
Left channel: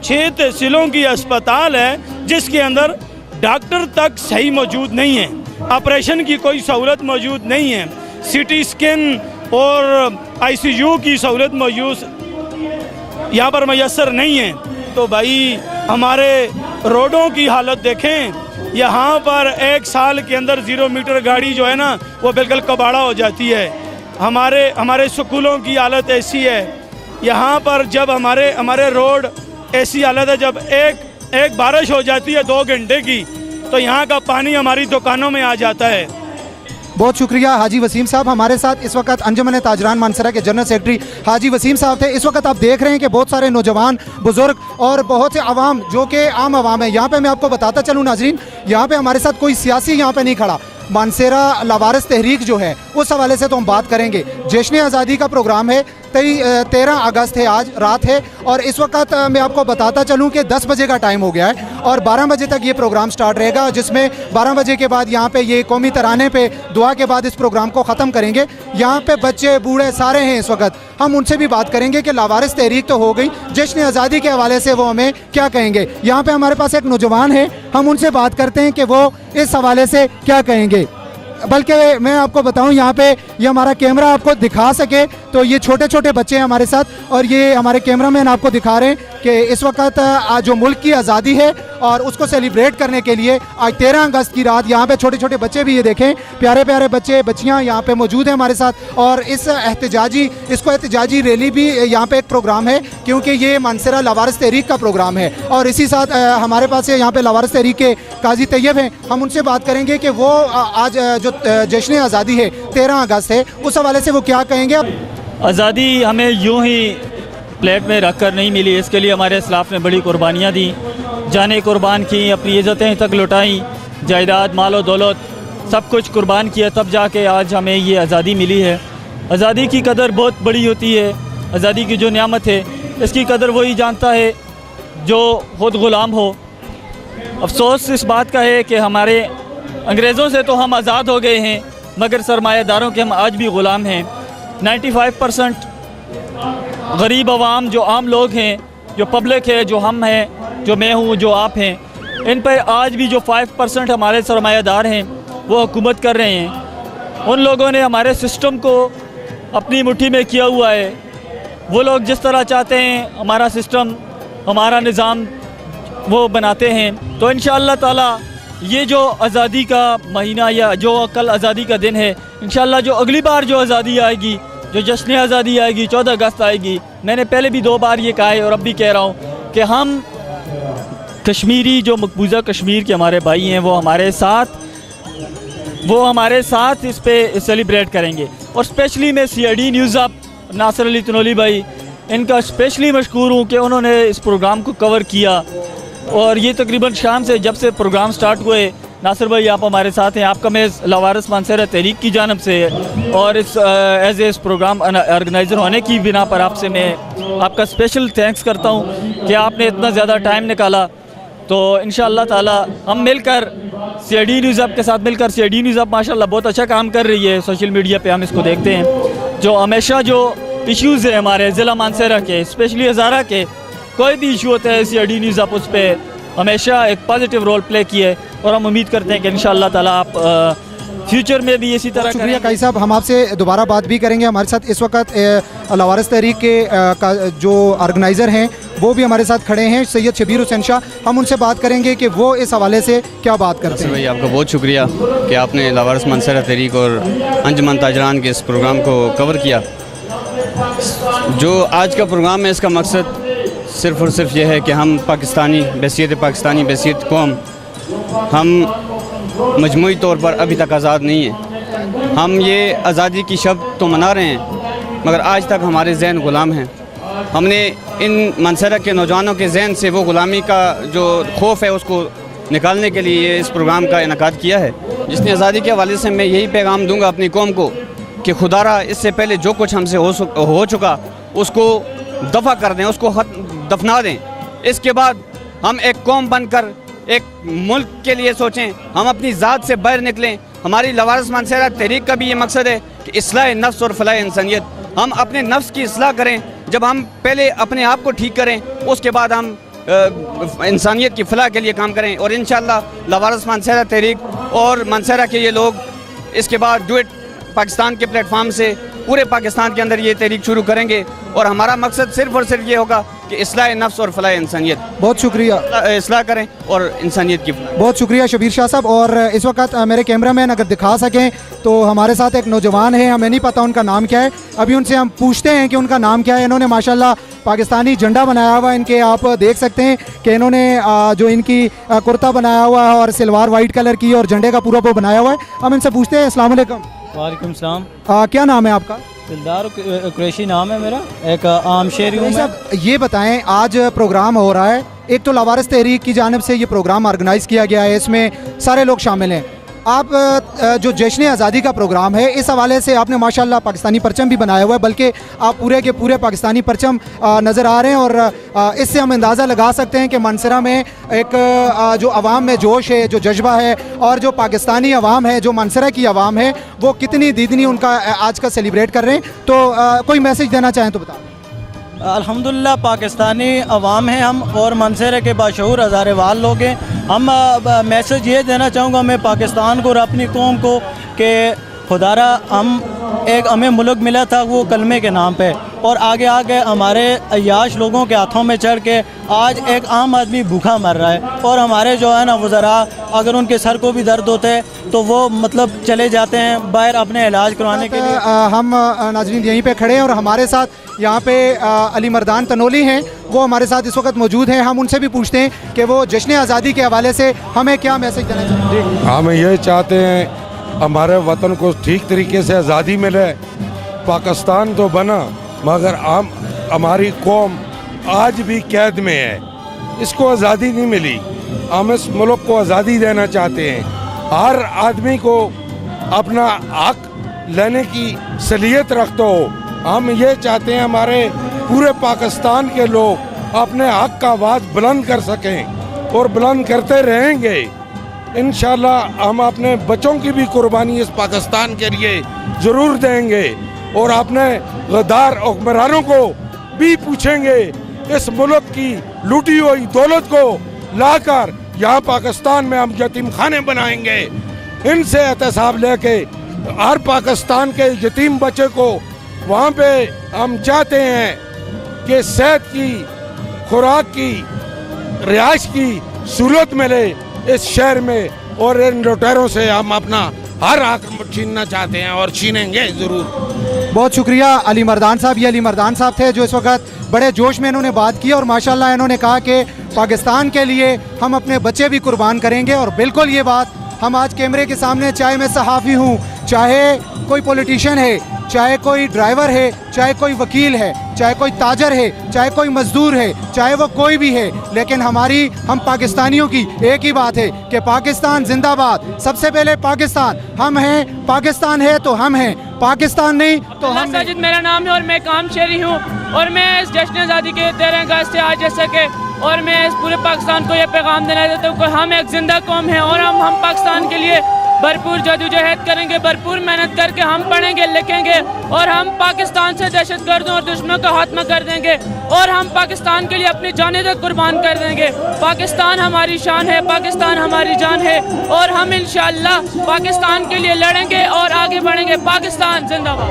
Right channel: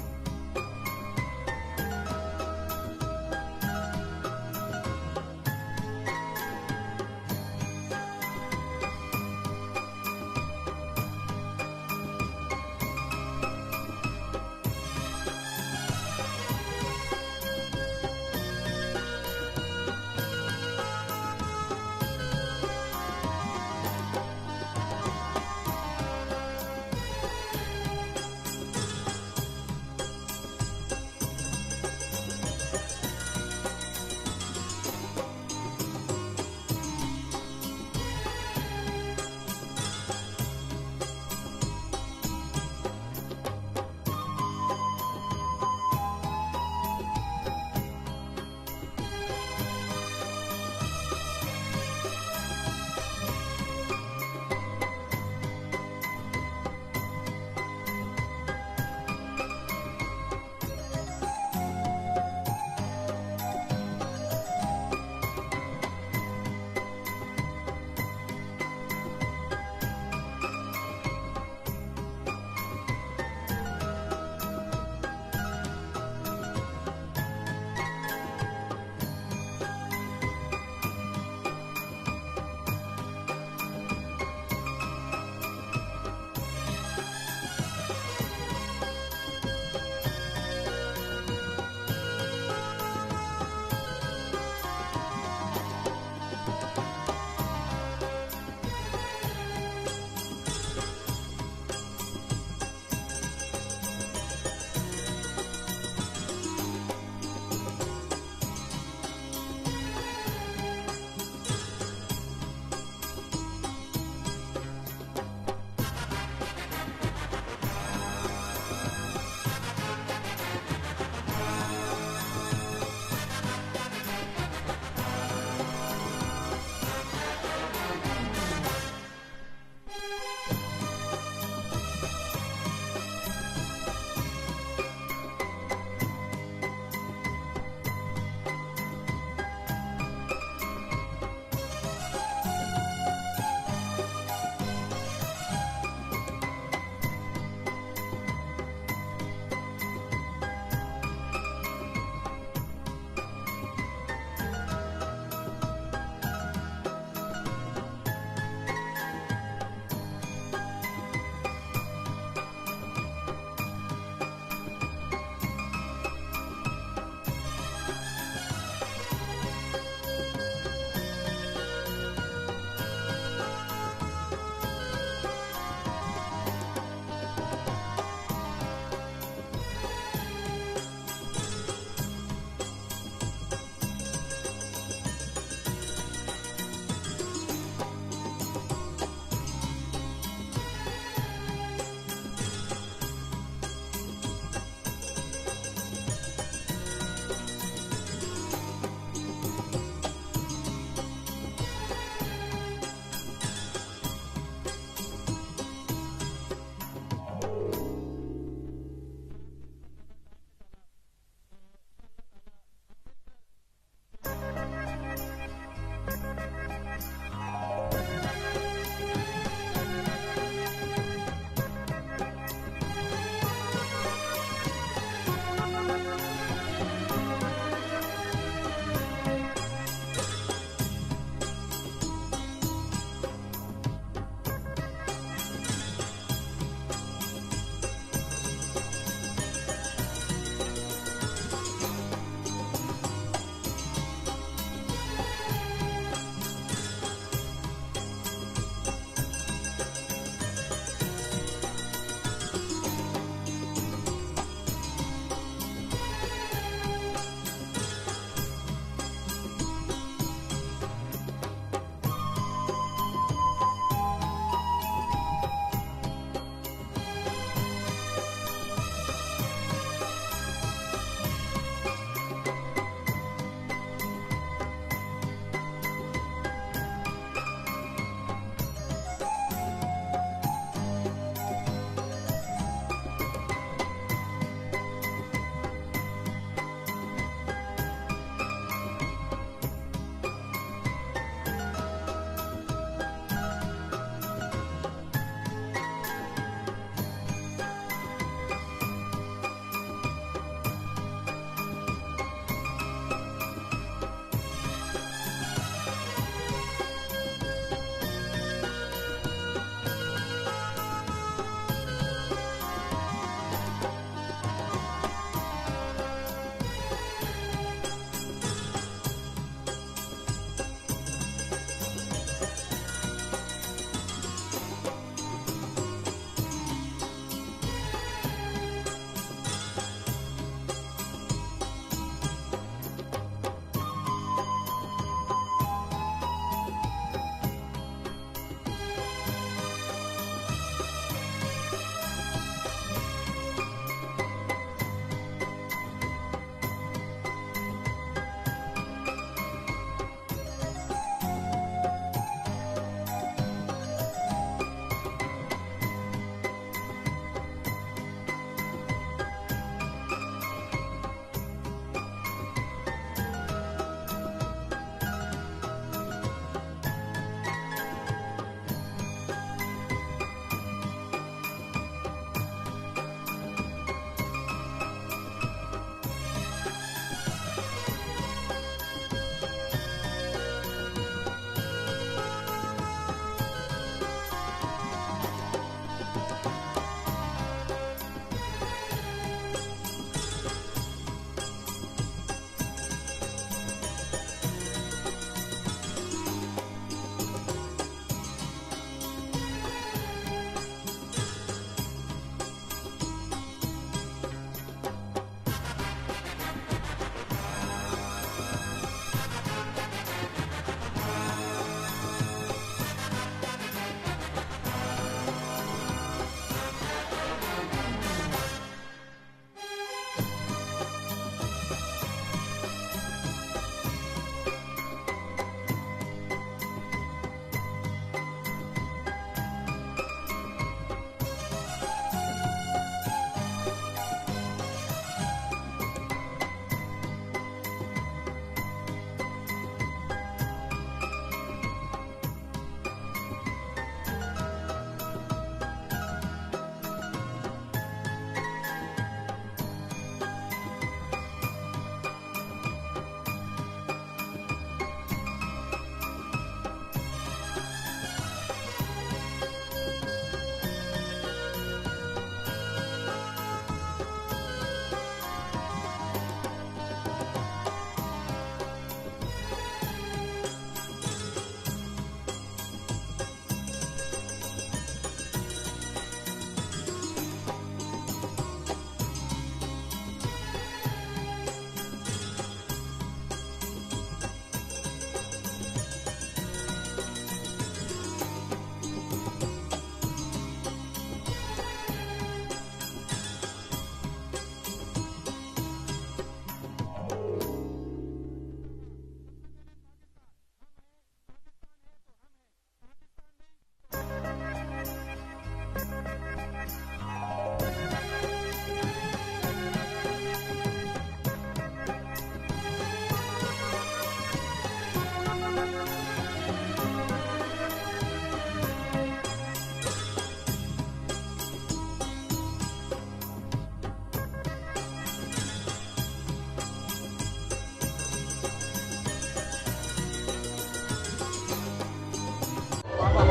6 तहसीलों की अस्पताल है जिसके अंदर डॉक्टर तक सही मौजूद नहीं है, ऑपरेशन की कोई सहूलत मौजूद नहीं है, सीटी स्कैन और आईसीयू की सहूलत मौजूद यहाँ पर मैसर नहीं है। तो भाई हमारे रोडों की हालत देखें, यहाँ पर 1 साल के अंदर 0 मीटर गाड़ी जो है ना वो बिल्कुल कबाड़ा हो जाती है। हमारे स्कूलों की हालत ऐसी है, यहाँ पर जब हमारे रोड ऐसी हालत है, जब एक बारिश हो जाती है 2 घंटे की तो यहाँ का पानी हमारी दुकानों में आ जाता है। बहुत शुक्रिया हाजी वसीम साहब। हमारे साथ इस वक्त अंजुमन ताजरान मानसरा के जनरल सेक्रेटरी हाजी वसीम साहब थे। इस वक्त आप देख रहे हैं कि बहुत सारे नौजवान, बुजुर्ग और बहुत से आवाम जो कि आम आवाम है। यहाँ पे मैं आपको बताता चलूँ नाजरीन, यहाँ पे हमारे साथ कोई सियासी यहाँ पे नहीं खड़ा। मानसरा लावारिस तहरीक जो है उस हवाले से तो हम बात करेंगे। जश्न आज़ादी का प्रोग्राम है, 13 अगस्त है, आज रात है और इस वक्त मैं आपको बताता चलूं कि 10 बजे का टाइम हो गया है और 12 बजे तक ये प्रोग्राम स्टार्ट रहेगा, जिसमें 12 बजे के बाद यहाँ पे ये कौमी तराने पे दुआ के बाद इस प्रोग्राम को ख़त्म करेंगे। यहाँ पे बच्चे बूढ़े सारे हैं इस वक्त। हम उनसे भी बात करेंगे कि लावारिस तहरीक तो हो गई, जश्न आज़ादी के हवाले से वो हमें क्या कहेंगे। यहाँ पे हमारे पास एक नौजवान है, हम उनसे बात करते हैं कि वो इस हवाले से क्या कहेंगे। बल्कि मैं आपको बताऊं, यहाँ पे ये हमारा कैमरा आपको दिखा सके तो ये छोटे छोटे बच्चे हैं हमारे साथ और ये हमारे कैमरामैन आपको दिखा रहे हैं कि इस वक्त आज जो मुल्क की आज़ादी है और उसको सेलिब्रेट करने के लिए आज 13 अगस्त की रात यहाँ पे छोटे छोटे बच्चे भी, ये देखें प्यारे प्यारे बच्चे बच्चियाँ यहाँ पे मौजूद हैं हमारे साथ। और इसको एहतजाजी रैली भी यहाँ पे एक प्रोग्राम है, क्योंकि ये मानसरा लावारिस तहरीक का प्रोग्राम है। और इसी साथ हमारे पास यहाँ पे लावारिस तहरीक के काजी तैयब हैं, हम उनसे बात करेंगे कि वो आज जो जश्न आज़ादी है 13 अगस्त है उस हवाले से वो क्या कहेंगे। आज़ादी हमें यूं ही प्लेट में रख कर नहीं मिली, इसके लिए हमारे इस्लाफ ने बड़ी कुर्बानियाँ दी, जानें कुर्बान की, अपनी इज़्ज़तें तक लुटाई, जायदाद मालो दौलत सब कुछ कुर्बान किया, तब जाके आज हमें ये आज़ादी मिली है। आज़ादी की कदर बहुत बड़ी होती है। आज़ादी की जो नियामत है इसकी कदर वही जानता है जो खुद ग़ुलाम हो। अफसोस इस बात का है कि हमारे अंग्रेज़ों से तो हम आज़ाद हो गए हैं, मगर सरमायादारों के हम आज भी ग़ुलाम हैं। 95% गरीब आवाम जो आम लोग हैं, जो पब्लिक है, जो हम हैं, जो मैं हूँ, जो आप हैं, इन पर आज भी जो 5% हमारे सरमायादार हैं वो हुकूमत कर रहे हैं। उन लोगों ने हमारे सिस्टम को अपनी मुट्ठी में किया हुआ है। वो लोग जिस तरह चाहते हैं हमारा सिस्टम, हमारा निज़ाम वो बनाते हैं। तो इंशाअल्लाह ताला ये जो आज़ादी का महीना या जो कल आज़ादी का दिन है, इंशाअल्लाह जो अगली बार जो आज़ादी आएगी, जो जश्न आज़ादी आएगी, 14 अगस्त आएगी, मैंने पहले भी 2 बार ये कहा है और अब भी कह रहा हूँ कि हम कश्मीरी जो मकबूजा कश्मीर के हमारे भाई हैं वो हमारे साथ इस पे सेलिब्रेट करेंगे। और स्पेशली मैं CID news up Nasir Ali Tanoli भाई, इनका स्पेशली मशकूर हूँ कि उन्होंने इस प्रोग्राम को कवर किया। और ये तकरीबन शाम से जब से प्रोग्राम स्टार्ट हुए, नासिर भाई आप हमारे साथ हैं, आपका मैं लावारिस मानसरा तहरीक की जानब से और इस प्रोग्राम ऑर्गेनाइज़र होने की बिना पर आपसे मैं आपका स्पेशल थैंक्स करता हूँ कि आपने इतना ज़्यादा टाइम निकाला। तो इंशाअल्लाह ताला हम मिलकर CID न्यूज़ अप के साथ मिलकर, CID न्यूज़ अप माशाल्लाह बहुत अच्छा काम कर रही है, सोशल मीडिया पे हम इसको देखते हैं। जो हमेशा जो इश्यूज़ है हमारे ज़िला मानसरा के, स्पेशली हज़ारा के, कोई भी इशू होता है CID न्यूज़ अप उस पर हमेशा एक पॉजिटिव रोल प्ले किए और हम उम्मीद करते हैं कि इंशाअल्लाह ताला आप फ्यूचर में भी इसी तरह। शुक्रिया काई साहब, हम आपसे दोबारा बात भी करेंगे। हमारे साथ इस वक्त लावारिस तहरीक के जो ऑर्गेनाइज़र हैं वो भी हमारे साथ खड़े हैं, सैयद शबीर हुसैन शाह। हम उनसे बात करेंगे कि वो इस हवाले से क्या बात करते हैं। भाई आपका बहुत शुक्रिया कि आपने लावारिस मानसरा तहरीक और अंजुमन ताजरान के इस प्रोग्राम को कवर किया। जो आज का प्रोग्राम है इसका मकसद सिर्फ़ और सिर्फ ये है कि हम पाकिस्तानी बैसियत कौम, हम मजमूई तौर पर अभी तक आज़ाद नहीं है। हम ये आज़ादी की शब तो मना रहे हैं मगर आज तक हमारे जहन ग़ुलाम हैं। हमने इन मानसरा के नौजवानों के जहन से वो ग़ुलामी का जो खौफ है उसको निकालने के लिए इस प्रोग्राम का इनेकाद किया है। जिसने आज़ादी के हवाले से मैं यही पैगाम दूँगा अपनी कौम को कि खुदारा इससे पहले जो कुछ हमसे हो चुका उसको दफ़ा कर दें, उसको दफना दें। इसके बाद हम एक कौम बनकर एक मुल्क के लिए सोचें, हम अपनी ज़ात से बाहर निकलें। हमारी लवारिस मानसेरा तहरीक का भी ये मकसद है कि इस्लाह नफ्स और फलाह इंसानियत। हम अपने नफ्स की इस्लाह करें, जब हम पहले अपने आप को ठीक करें उसके बाद हम इंसानियत की फलाह के लिए काम करें। और इंशाअल्लाह लवारिस मानसेरा तहरीक और मानसेरा के ये लोग इसके बाद डुएट पाकिस्तान के प्लेटफार्म से पूरे पाकिस्तान के अंदर ये तहरीक शुरू करेंगे और हमारा मकसद सिर्फ और सिर्फ ये होगा कि इस्लाह नफ्स और फलाह इंसानियत। बहुत शुक्रिया। इस्लाह करें और इंसानियत की। बहुत शुक्रिया शबीर शाह साहब। और इस वक्त मेरे कैमरामैन अगर दिखा सकें तो हमारे साथ एक नौजवान है, हमें नहीं पता उनका नाम क्या है, अभी उनसे हम पूछते हैं कि उनका नाम क्या है। इन्होंने माशाल्लाह पाकिस्तानी झंडा बनाया हुआ है, इनके आप देख सकते हैं कि इन्होंने जो इनकी कुर्ता बनाया हुआ है और सलवार वाइट कलर की और झंडे का पूरा वो बनाया हुआ है। हम इनसे पूछते हैं। अस्सलाम वालेकुम। वालेकुम सलाम। क्या नाम है आपका? दिलदार कुरैशी नाम है मेरा, एक आम शहरी हूँ मैं। ये बताएं, आज प्रोग्राम हो रहा है, एक तो लवारिस तहरीक की जानिब से ये प्रोग्राम ऑर्गेनाइज़ किया गया है, इसमें सारे लोग शामिल हैं। आप जो जश्न आज़ादी का प्रोग्राम है, इस हवाले से आपने माशाल्लाह पाकिस्तानी परचम भी बनाया हुआ है, बल्कि आप पूरे के पूरे पाकिस्तानी परचम नज़र आ रहे हैं। और इससे हम अंदाज़ा लगा सकते हैं कि मानसरा में एक जो अवाम में जोश है, जो जज्बा है, और जो पाकिस्तानी अवाम है, जो मानसरा की अवाम है, वो कितनी दीदनी उनका आज का सेलिब्रेट कर रहे हैं। तो कोई मैसेज देना चाहें तो बताएं। अल्हम्दुलिल्लाह पाकिस्तानी अवाम हैं हम, और मानसरे के बाशऊर हज़ारे वाल लोग हैं हम। मैसेज ये देना चाहूँगा मैं पाकिस्तान को और अपनी कौम को कि खुदारा हमें मुल्क मिला था वो कलमे के नाम पे, और आगे आगे हमारे अय्याश लोगों के हाथों में चढ़ के आज एक आम आदमी भूखा मर रहा है। और हमारे जो है ना वज़रा, अगर उनके सर को भी दर्द होते हैं तो वो मतलब चले जाते हैं बाहर अपने इलाज करवाने के लिए। हम नाज़रीन यहीं पे खड़े हैं और हमारे साथ यहाँ पे अली मर्दान तनोली हैं, वो हमारे साथ इस वक्त मौजूद हैं। हम उनसे भी पूछते हैं कि वो जश्न आज़ादी के हवाले से हमें क्या मैसेज देना चाहते हैं। हम ये चाहते हैं हमारे वतन को ठीक तरीके से आज़ादी मिले। पाकिस्तान तो बना मगर हमारी कौम आज भी कैद में है, इसको आज़ादी नहीं मिली। हम इस मुल्क को आज़ादी देना चाहते हैं। हर आदमी को अपना हक लेने की सलीयत रखते हो। हम ये चाहते हैं हमारे पूरे पाकिस्तान के लोग अपने हक का आवाज़ बुलंद कर सकें और बुलंद करते रहेंगे। इंशाल्लाह हम अपने बच्चों की भी कुर्बानी इस पाकिस्तान के लिए ज़रूर देंगे और अपने गद्दार हुक्मरानों को भी पूछेंगे इस मुल्क की लूटी हुई दौलत को लाकर यहाँ पाकिस्तान में हम यतीम खाने बनाएंगे। इनसे एहतसाब लेके हर पाकिस्तान के यतीम बच्चे को वहाँ पे हम चाहते हैं कि सेहत की, खुराक की, रिहाइश की सहूलत मिले इस शहर में, और इन लुटेरों से हम अपना हर हक छीनना चाहते हैं और छीनेंगे ज़रूर। बहुत शुक्रिया अली मर्दान साहब। ये अली मर्दान साहब थे जो इस वक्त बड़े जोश में इन्होंने बात की और माशाल्लाह इन्होंने कहा कि पाकिस्तान के लिए हम अपने बच्चे भी कुर्बान करेंगे। और बिल्कुल ये बात हम आज कैमरे के सामने, चाहे मैं सहाफ़ी हूँ, चाहे कोई पॉलिटिशियन है, चाहे कोई ड्राइवर है, चाहे कोई वकील है, चाहे कोई ताजर है, चाहे कोई मजदूर है, चाहे वो कोई भी है, लेकिन हम पाकिस्तानियों की एक ही बात है कि पाकिस्तान जिंदाबाद। सबसे पहले पाकिस्तान हम हैं, पाकिस्तान है तो हम हैं, पाकिस्तान नहीं तो हम। साजिद मेरा नाम है और मैं काम शहरी हूँ, और मैं इस जश्न आज़ादी के 13 अगस्त से आज जैसे कि, और मैं इस पूरे पाकिस्तान को ये पैगाम देना चाहता हूँ कि हम एक जिंदा कौम हैं और हम पाकिस्तान के लिए भरपूर जदोजहद करेंगे, भरपूर मेहनत करके हम पढ़ेंगे लिखेंगे, और हम पाकिस्तान से दहशतगर्दों और दुश्मनों का खात्मा कर देंगे, और हम पाकिस्तान के लिए अपनी जानें तक कुर्बान कर देंगे। पाकिस्तान हमारी शान है, पाकिस्तान हमारी जान है, और हम इंशाअल्लाह पाकिस्तान के लिए लड़ेंगे और आगे बढ़ेंगे। पाकिस्तान जिंदाबाद।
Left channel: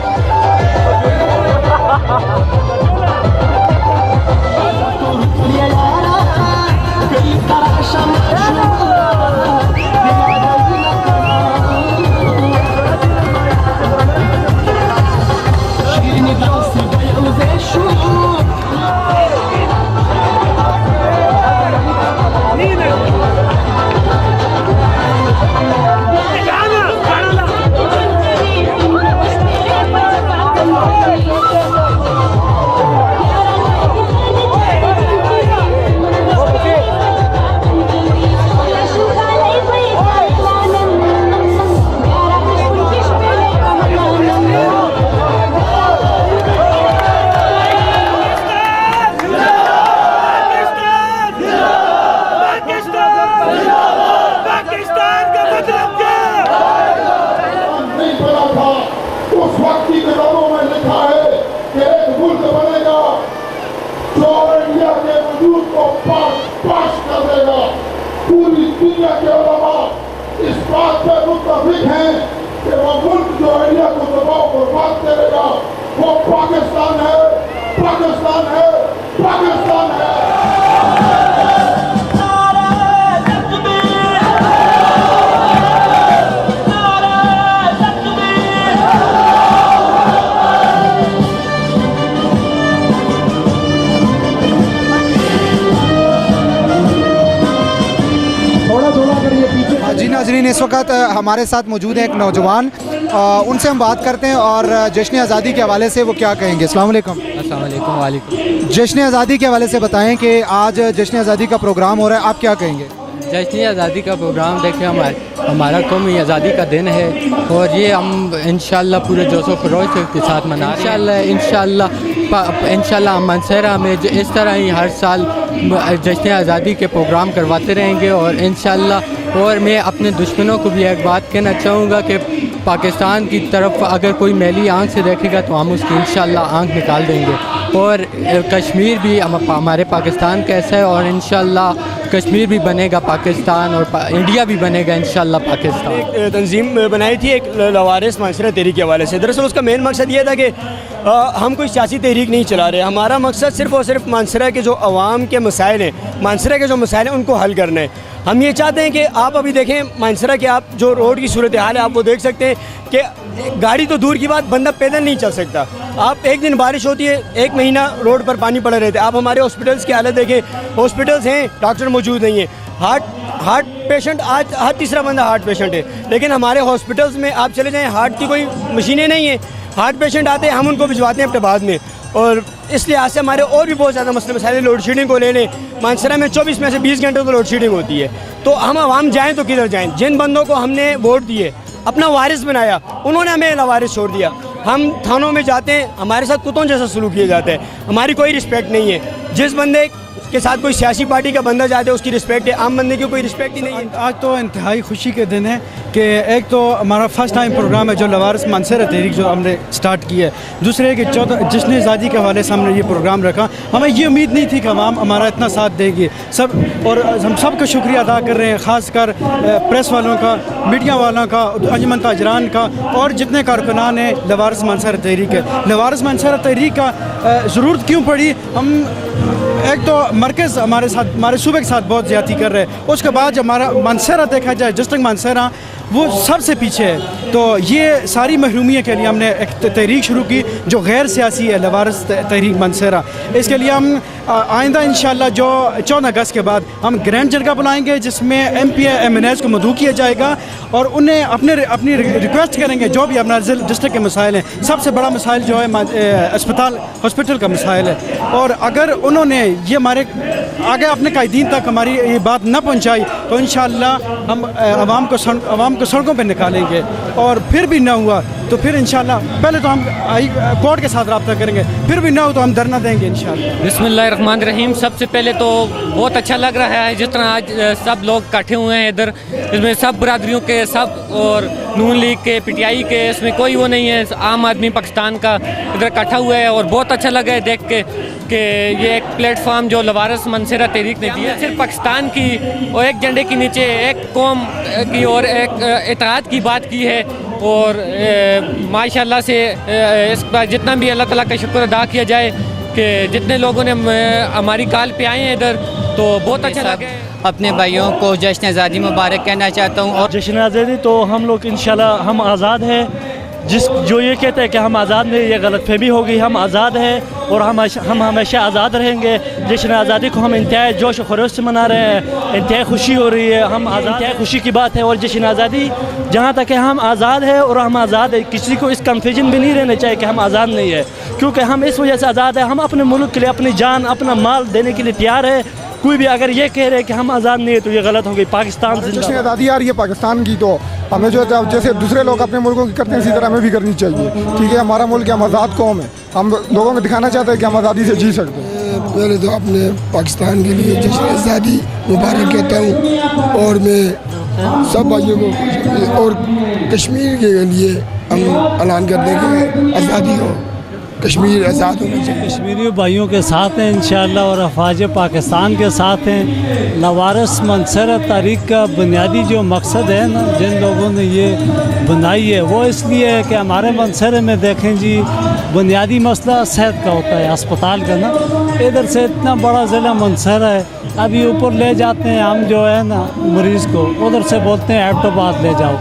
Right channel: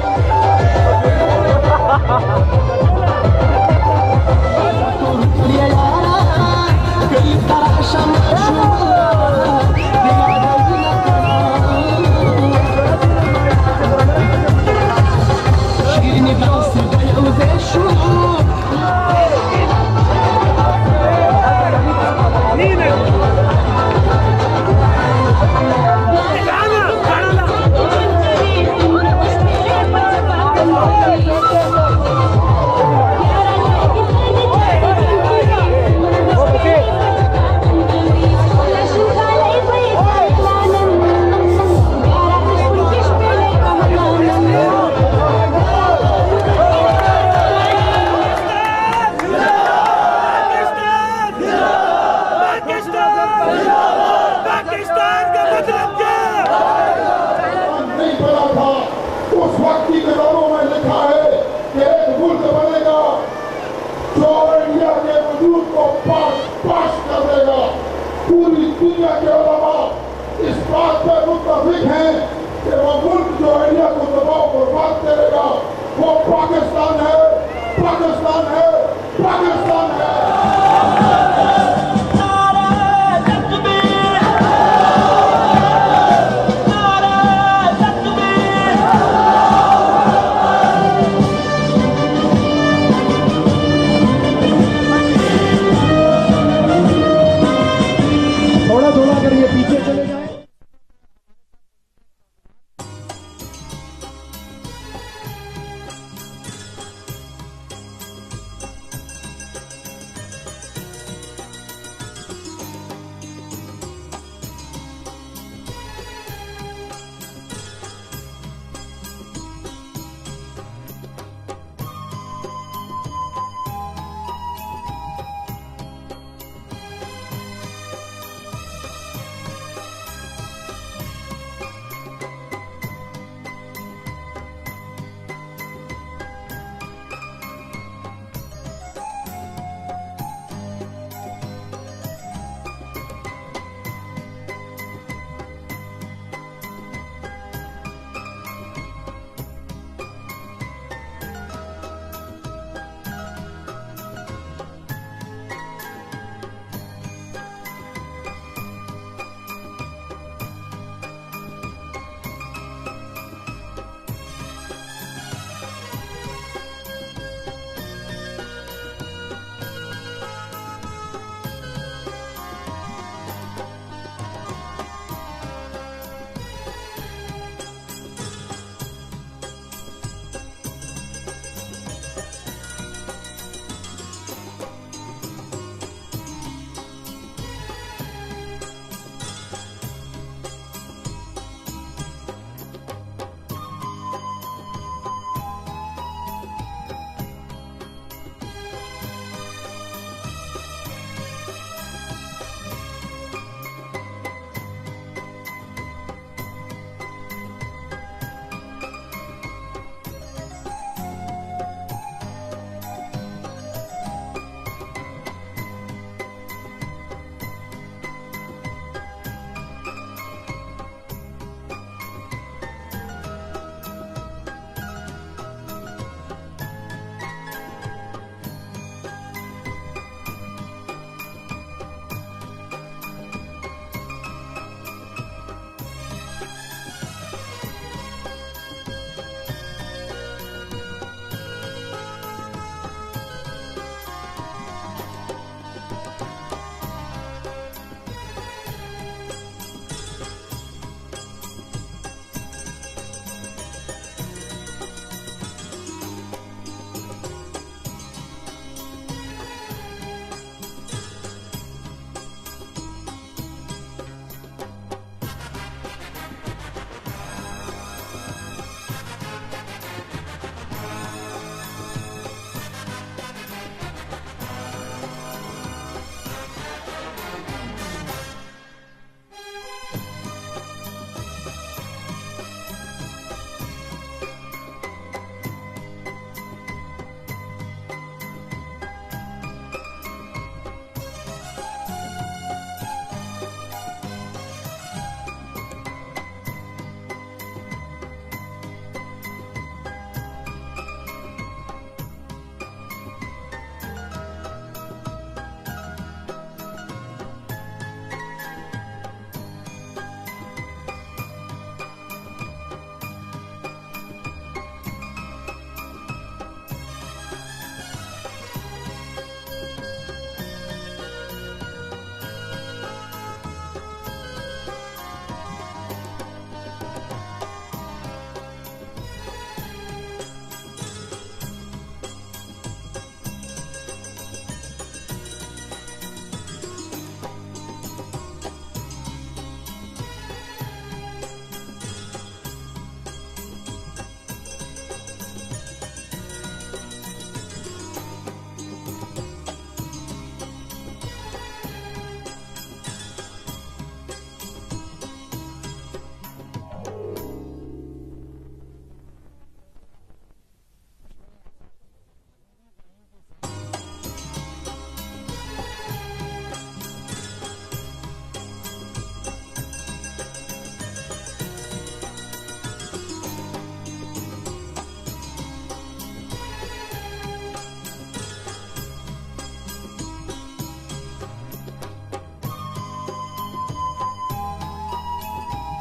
जो इंडिया के वजूद को पाश कर देगा। पूरी दुनिया के उलमा इस बात पर मुत्तफिक हैं कि वो मुल्क जो इंडिया को दबाव बर्बाद करेगा वो पाकिस्तान है, पाकिस्तान है, पाकिस्तान है। जी नाज़रीन, इस वक्त हमारे साथ मौजूद है एक नौजवान, उनसे हम बात करते हैं और जश्न आज़ादी के हवाले से वो क्या कहेंगे। अस्सलाम वालेकुम। अस्सलाम वालेकुम। वालेकुम। जश्न आज़ादी के हवाले से बताएं कि आज जश्न आज़ादी का प्रोग्राम हो रहा है, आप क्या कहेंगे? जश्न आज़ादी का प्रोग्राम देखिए हमारा कौमी आज़ादी का दिन है और ये हम इंशाल्लाह पूरे जोशो खरोश के साथ मना इंशाल्लाह मानसहरा में इस तरह ही हर साल जश्न आज़ादी के प्रोग्राम करवाते रहेंगे और इंशाल्लाह। और मैं अपने दुश्मनों को भी एक बात कहना चाहूँगा कि पाकिस्तान की तरफ अगर कोई मैली आँख से देखेगा तो हम उसकी इंशाल्लाह आँख निकाल देंगे। और कश्मीर भी हमारे पाकिस्तान का ऐसा है और इंशाल्लाह कश्मीर भी बनेगा पाकिस्तान और इंडिया भी बनेगा इंशाल्लाह पाकिस्तान। एक तंजीम बनाई थी एक लवारिस मानसरा तहरीक के हवाले से। दरअसल उसका मेन मकसद ये था कि हम कोई सियासी तहरीक नहीं चला रहे, हमारा मकसद सिर्फ़ और सिर्फ मानसरा के जो अवाम के मसाइल हैं, मानसरा के जो मसाइल हैं उनको हल करना है। हम ये चाहते हैं कि आप अभी देखें मानसरा के, आप जो रोड की सूरत हाल है आप वो देख सकते हैं कि गाड़ी तो दूर की बात, बंदा पैदल नहीं चल सकता। आप एक दिन बारिश होती है, एक महीना रोड पर पानी पड़े रहते हैं। आप हमारे हॉस्पिटल्स की हालत देखें, हॉस्पिटल्स हैं, डॉक्टर मौजूद नहीं है। हार्ट पेशेंट, आज हर तीसरा बंदा हार्ट पेशेंट है, लेकिन हमारे हॉस्पिटल्स में आप चले जाएँ हार्ट की कोई मशीनें नहीं है। हार्ट पेशेंट आते हैं, हम उनको भिजवाते हैं अपने बाद में। और इस लिहाज से हमारे और भी बहुत ज़्यादा मसले मसाइल, लोड शेडिंग को ले लें, मानसरा में 24 में से 20 घंटे तो लोड शेडिंग होती है। तो हम आवाम जाएँ तो किधर जाएँ? जिन बंदों को हमने वोट दिए, अपना वारिस बनाया, उन्होंने हमें लावारिस छोड़ दिया। हम थानों में जाते हैं, हमारे साथ कुत्तों जैसा सलूक किया जाता है, हमारी कोई रिस्पेक्ट नहीं है। जिस बंदे के साथ कोई सियासी पार्टी का बंदा जाता है उसकी रिस्पेक्ट है, आम बंदे की कोई रिस्पेक्ट ही नहीं है। आज तो इंतहाई खुशी के दिन है कि एक तो हमारा फर्स्ट टाइम प्रोग्राम है जो लवारिस मानसरा तहरीक जो हमने स्टार्ट की है, दूसरे कि जश्न आज़ादी के हवाले से हमने ये प्रोग्राम रखा। हमें ये उम्मीद नहीं थी कि आवाम हमारा इतना साथ देगी सब, और हम सब का शुक्रिया अदा कर रहे हैं, ख़ासकर प्रेस वालों का, मीडिया वालों का, अंजुमन ताजरान का और जितने कारकुनान हैं लवारिस मानसरा तहरीक है। लवारिस मानसरा तहरीक का ज़रूरत क्यों पड़ी? हम एक तो मरकज़ हमारे साथ, हमारे सूबे के साथ बहुत ज़्यादती कर रहे हैं, उसके बाद जब हमारा मानसरा देखा जाए, डिस्ट्रिक्ट मानसरा वो सबसे पीछे है। तो ये सारी महरूमियों के लिए हमने एक तहरीक शुरू की जो गैर सियासी है, लवारिस तहरीक मानसरा। इसके लिए हम आइंदा इंशाल्लाह जो 14 अगस्त के बाद हम ग्रैंड जरगा बुलाएंगे जिसमें MP MNAs को मदऊ किया जाएगा और उन्हें अपनी रिक्वेस्ट करेंगे जो भी अपना डिस्ट्रिक्ट के मसाइल हैं। सबसे बड़ा मसाइल जो है हॉस्पिटल का मसाइल है, और अगर उन्होंने ये हमारे आगे अपने कायदीन तक हमारी ये बात न पहुंचाई तो इंशाल्लाह हम आवाम को सड़कों पे निकालेंगे। और फिर भी ना हुआ तो फिर इंशाल्लाह पहले तो हम कोर्ट के साथ रब्ता करेंगे, फिर भी ना हो तो हम धरना देंगे इंशाल्लाह। बिस्मिल्लाहिर्रहमानिर्रहीम। सबसे पहले तो बहुत अच्छा लग रहा है जिस तरह आज सब लोग इकट्ठे हुए हैं इधर, इसमें सब बरादरियों के सब, और नून लीग के, PTI के, इसमें कोई वो नहीं है, आम आदमी पाकिस्तान का इधर इकट्ठा हुआ है। और बहुत अच्छा लगा है देख के कि ये एक प्लेटफॉर्म जो लवारिस मानसरा तहरीक ने दिया, सिर्फ पाकिस्तान की और एक झंडे के नीचे एक कौम की और एक इत्तेहाद की बात की है। और माशाल्लाह से इस पर जितना भी अल्लाह ताला का शुक्र अदा किया जाए कि जितने लोगों ने हमारी कॉल पे आए हैं इधर, तो बहुत अच्छा लगा। अपने भाइयों को जश्न आज़ादी मुबारक कहना चाहता हूँ। और जश्न आज़ादी तो हम लोग इंशाल्लाह हम आज़ाद हैं, जो ये कहते हैं कि हम आज़ाद नहीं, ये गलतफहमी हो गई। हम आज़ाद हैं और हम हमेशा आज़ाद रहेंगे। जश्न आज़ादी को हम इंतहाई जोश और खरोश से मना रहे हैं, इंतहाई खुशी हो रही है, हम इंतहाई खुशी की बात है। और जश्न आज़ादी जहाँ तक है हम आज़ाद है और हम आज़ाद है, किसी को इस कन्फ्यूजन भी नहीं रहना चाहिए कि हम आज़ाद नहीं है, क्योंकि हम इस वजह से आज़ाद है, हम अपने मुल्क के लिए अपनी जान अपना माल देने के लिए तैयार है। कोई भी अगर ये कह रहे हैं कि हम आज़ाद नहीं है तो ये गलत हो गई। पाकिस्तान जश्न आज़ादी आ रही है पाकिस्तान की, तो हमें जो जैसे दूसरे लोग अपने मुल्कों की करते हैं इसी तरह हमें भी करनी चाहिए। ठीक है, हमारा मुल्क है, हम आज़ाद कौम है, हम लोगों को दिखाना चाहते हैं कि हम आज़ादी से जी सकते हैं। पहले तो अपने पाकिस्तान के लिए जश्न आज़ादी मुबारक कहता हूँ, और मैं सब भाइयों को और कश्मीर के लिए हम ऐलान कर देंगे आज़ादी हो। कश्मीर आज़ाद होना चाहिए। कश्मीरी भाइयों के साथ हैं इंशाअल्लाह और अफवाज पाकिस्तान के साथ हैं। लवारस मंसर तहरीक का बुनियादी जो मकसद है ना, जिन लोगों ने ये बनाई है, वो इसलिए है कि हमारे मंसर में देखें जी, बुनियादी मसला सेहत का होता है, अस्पताल का ना। इधर से इतना बड़ा ज़िला मंसर है, अभी ऊपर ले जाते हैं हम जो है ना मरीज़ को, उधर से बोलते हैं एबटाबाद ले जाओ,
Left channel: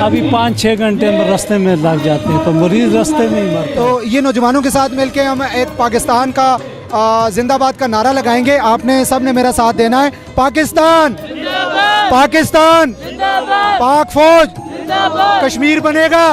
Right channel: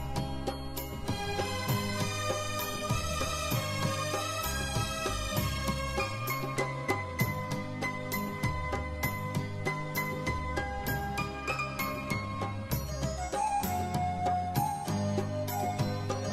अभी 5-6 घंटे में रास्ते में लग जाते हैं, तो मरीज़ रास्ते में ही मरते। तो ये नौजवानों के साथ मिलके हम एक पाकिस्तान का जिंदाबाद का नारा लगाएंगे। आपने सब ने मेरा साथ देना है। पाकिस्तान पाकिस्तान, पाक फौज, कश्मीर बनेगा।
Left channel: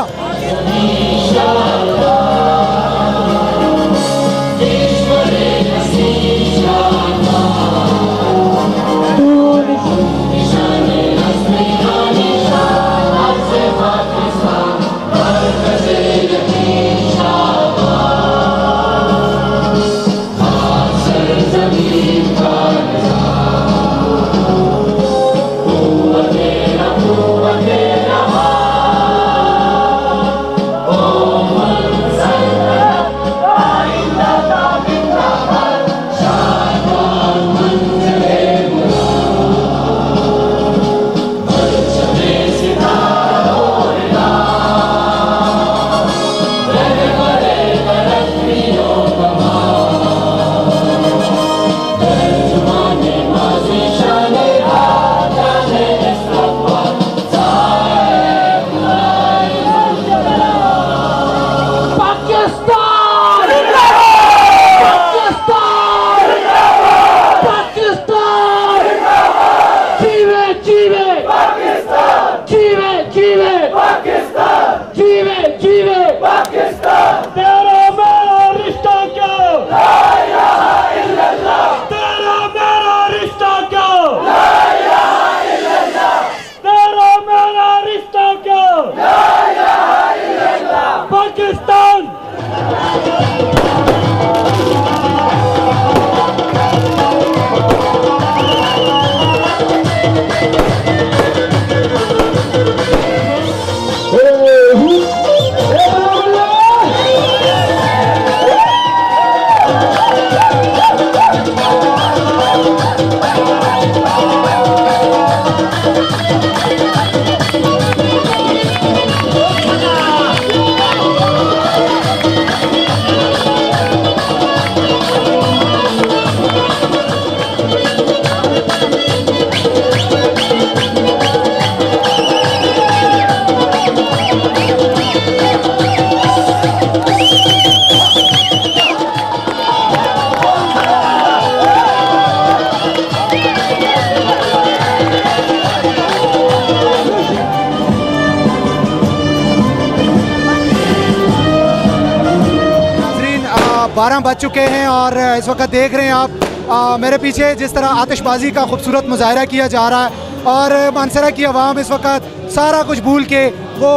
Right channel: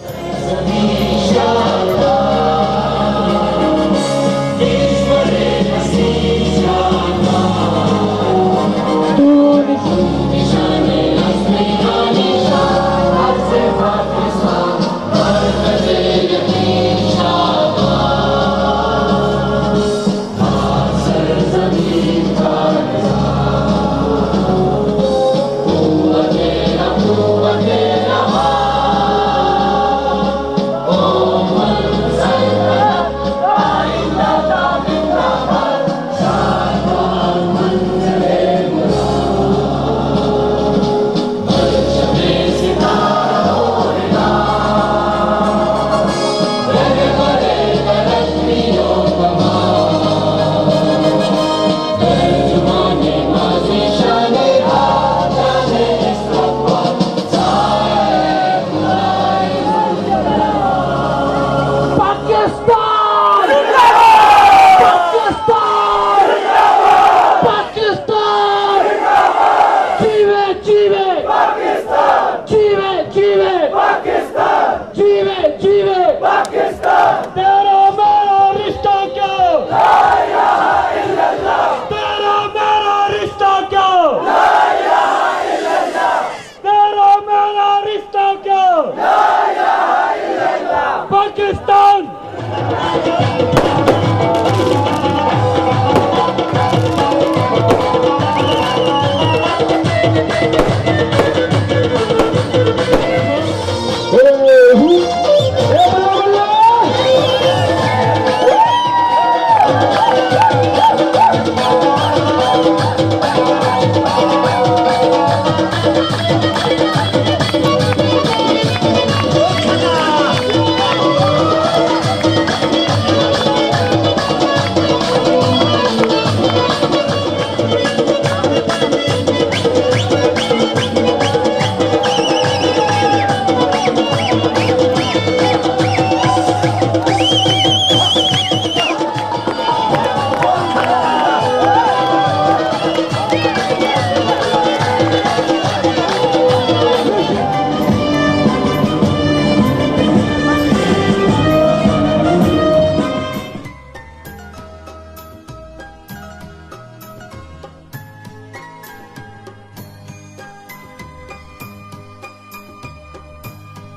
बज चुके हैं और इस वक्त देख रहे हैं आप मेरे पीछे जिस तरह आतिशबाजी का खूबसूरत मुजाहरा किया जा रहा है और मानसरा की आवाम इस वक्त सारा कुछ भूल के वो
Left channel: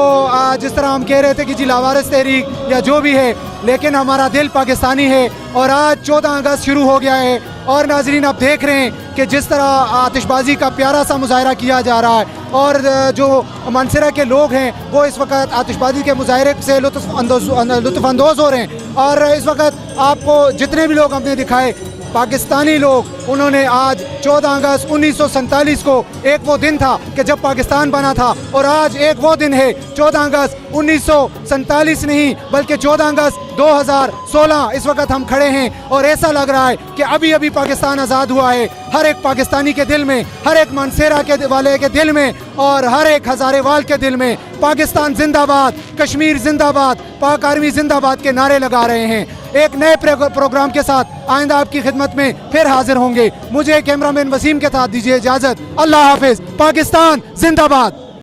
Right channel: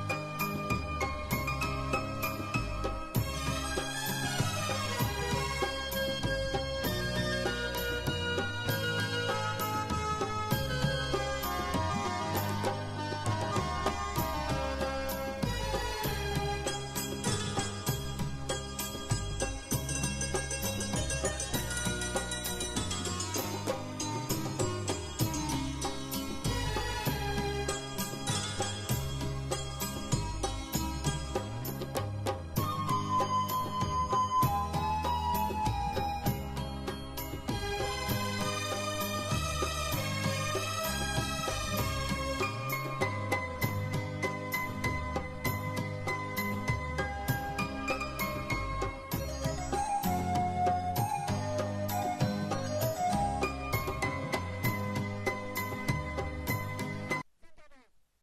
जिस तरह हम कह रहे थे कि जी लावारिस तहरीक या जो भी है, लेकिन हमारा दिल पाकिस्तानी है और आज 14 अगस्त शुरू हो गया है। और नाजरीन आप देख रहे हैं कि जिस तरह आतिशबाजी का प्यारा सा मुजाहरा किया जा रहा है और जो मानसरा के लोग हैं वो इस वक्त आतिशबाजी के मुजाहरे से लुत्फ़अंदोज़ हो रहे हैं। और इस वक्त आपको जितने भी लोग हमने दिखाए पाकिस्तानी लोग, उन्होंने आज 14 अगस्त 1947 को एक वो दिन था कि जब पाकिस्तान बना था और आज एक वो दिन है 14 अगस्त 1947 नहीं बल्कि 14 अगस्त 2016 इस वक्त हम खड़े हैं और ऐसा लग रहा है कि अभी अभी पाकिस्तान आज़ाद हुआ है। हर एक पाकिस्तानी के दिल में, हर एक मानसेरा के वाले के दिल में और हर एक हज़ारेवाल के दिल में पाकिस्तान जिंदाबाद, कश्मीर जिंदाबाद, पाक आर्मी जिंदाबाद के नारे लगा रहे हैं। एक नए प्रोग्राम के साथ आइंदा आपकी खिदमत में फिर हाजिर होंगे। मुझे कैमरामैन वसीम के साथ दीजिए इजाजत। अल्लाह हाफिज। पाकिस्तान जिंदाबाद।